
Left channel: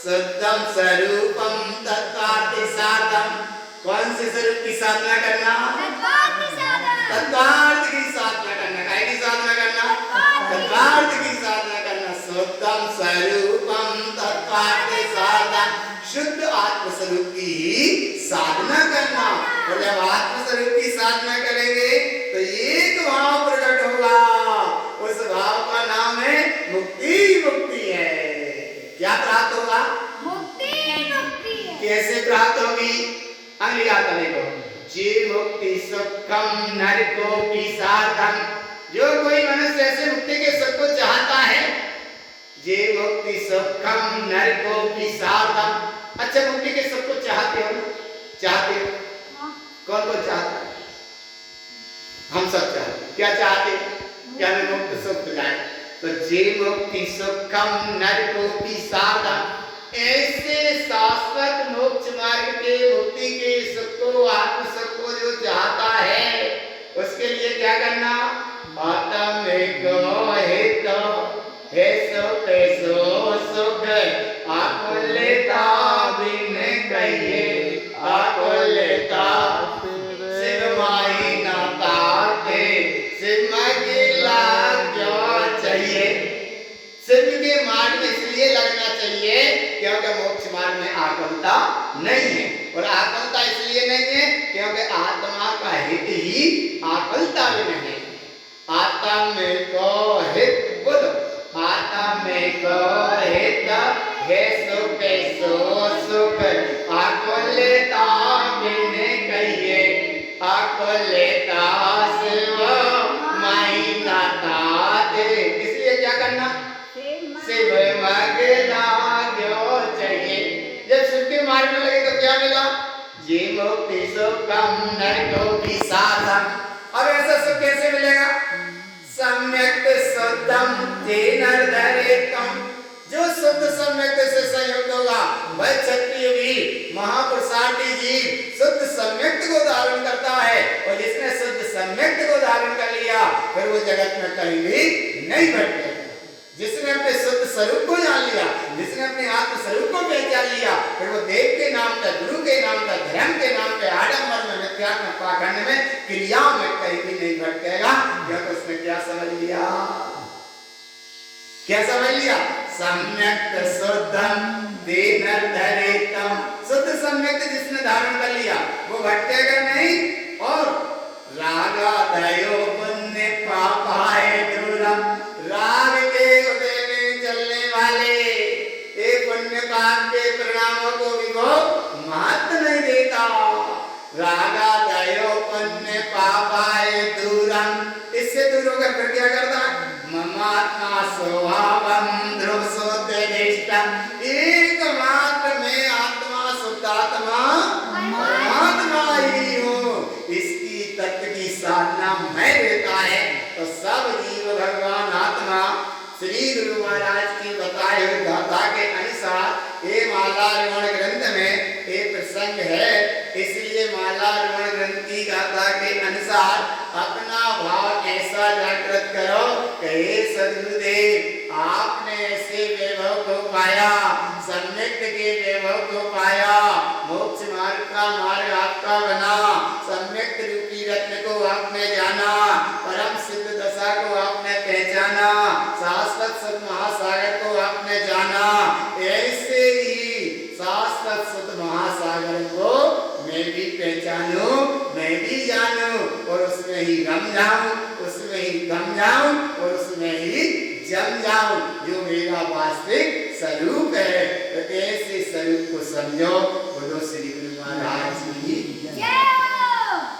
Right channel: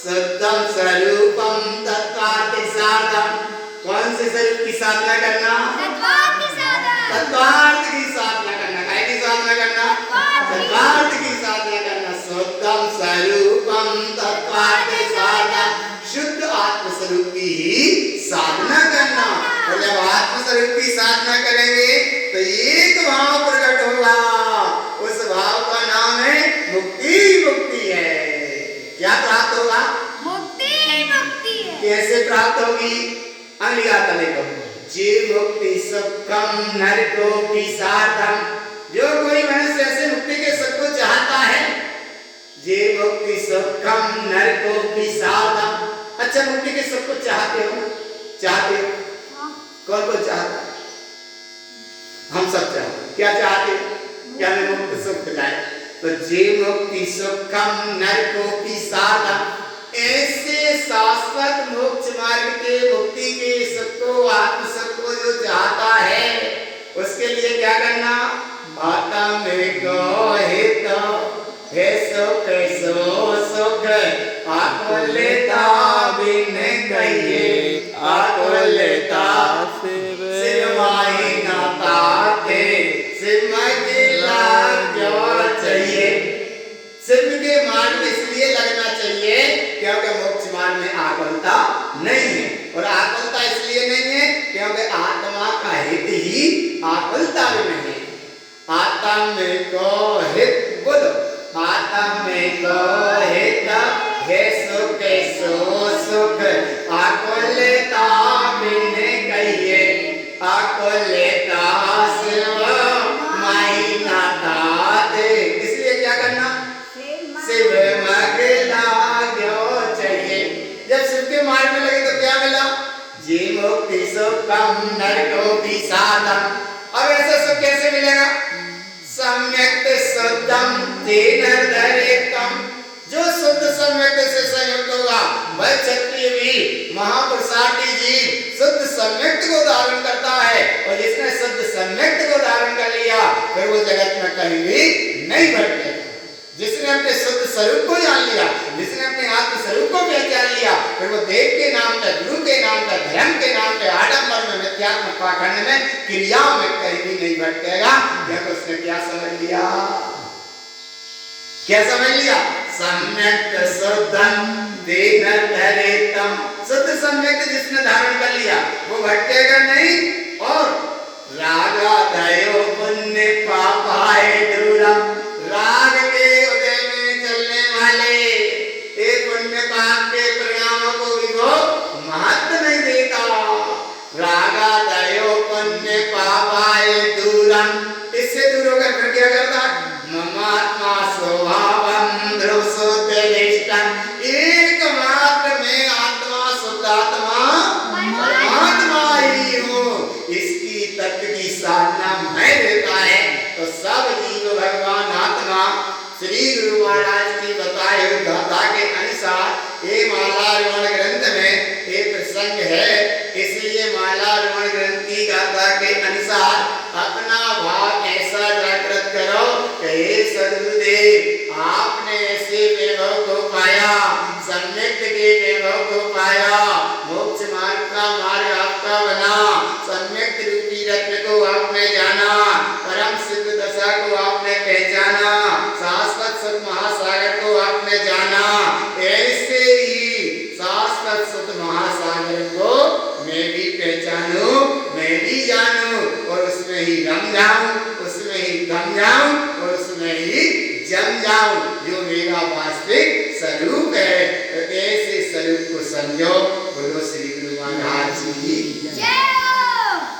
शुद्धम स्वरूपम तत्वार्थ साधन। कौन से स्वरूप की साधना करना? तत्वार्थ की साधना करना। काय की साधना करना? तत्वार्थ की साधना करना। शुद्धम स्वरूपम तत्वार्थ साधन, शुद्ध आत्म स्वरूप की ही साधना करना। और जब आत्म स्वरूप की साधना करेंगे तो एक भाव प्रकट होगा, उस भाव का नाम है मुक्ति। मुक्ति है। क्या प्राप्त होगा? मुक्ति है। कैसे प्राप्त होगी? अगली गाथा देखो। जे मुक्ति सुखम नरकोपि साधम। जो कोई मनुष्य ऐसे मुक्ति के सुख को चाहता है, जे मुक्ति सुखम नरकोपि साधम। अच्छा, मुक्ति के सुख को चाहते हो? कौन कौन चाहता है? हम सब चाहते। क्या चाहते? क्या हमें मुक्त सुख मिले? तो जे मुक्ति सुखम नरकोपि साधम, ऐसे शाश्वत मोक्ष मार्ग के मुक्ति के सुख को, आत्म सुख को जो चाहता है, उसके लिए क्या करना? आत्म को हित है सुख सुख आकुलता बिन कहिए, आकुलता शिव माही नाता के शिव गिला जो चाहिए। शिव के मार्ग में इसलिए लगना चाहिए क्योंकि मोक्ष मार्ग में आकुलता नहीं है। और आकुलता इसलिए नहीं है क्योंकि आत्मा का हित ही आकुलता भी नहीं है। आत्म को हित, बोलो, आत्म को हित है सुख सुख आकुलता बिन कहिए, आकुलता शिव माही नाता दे। इसलिए क्या करना? शिव मगला क्यों चाहिए। जब शिव के मार्ग में लगे तो क्या मिला? जे मुक्ति सुखम नरकोपि साधन। अब ऐसा सुख कैसे मिलेगा? सम्यक शुद्धम तेन धरेतम। जो शुद्ध सम्यक से संयुक्त होगा वह क्षत्रिय वीर महापुरुषार्थी जीव शुद्ध सम्यक को धारण करता है। और जिसने शुद्ध सम्यक को धारण कर लिया फिर वो जगत में कहीं भी नहीं भटकेगा। जिसने अपने शुद्ध स्वरूप को जान लिया, जिसने अपने आत्म स्वरूप को पहचान लिया, फिर वो देव के नाम पे, गुरु के नाम पे, धर्म के नाम पे, आडंबर में, मिथ्यात्मक पाखंड में, क्रियाओं में कहीं भी नहीं भटकेगा। क्योंकि उसने क्या समझ लिया? क्या समझ लिया? सम्यक शुद्धं तेन धरेतम। शुद्ध सम्यक जिसने धारण कर लिया वो भटकेगा नहीं। और रागादयो पुण्य पापाय दूरम। राग के उदय में चलने वाले एक पुण्य पाप के परिणामों को भी वो महत्व नहीं देता। रागादयो पुण्य पापाय दूरम। इससे दूर होकर फिर क्या करता? ममात्मा स्वभावं ध्रुवसोद्दिष्टं। एकमात्र में आत्मा शुद्धात्मा परमात्मा ही हूँ, इसकी तत्व की साधना मैं देता है। तो सब जीव भगवान आत्मा श्री गुरु महाराज की बताई हुई गाथा के अनुसार ये मालार्पण ग्रंथ में एक प्रसंग है। इसलिए मालार्पण ग्रंथ की गाथा के अनुसार अपना भाव ऐसा जागृत करो कि हे सद्गुरुदेव आपने ऐसे वैभव को पाया, सम्यक के वैभव को पाया, मोक्ष मार्ग का मार्ग आपका बना, सम्यक रूपी रत्न को आपने जाना, परम सिद्ध दशा को आपने पहचाना, शाश्वत सत महासागर को आपने जाना। ऐसे ही शाश्वत सत महासागर को मैं भी पहचानूं, मैं भी जानूं और उसमें ही रम जाऊं, उसमें ही दम जाऊं और उसमें ही जम जाऊं जो मेरा वास्तविक स्वरूप है। तो ऐसे स्वरूप को समझो। बोलो श्री गुरु महाराज जी की जय।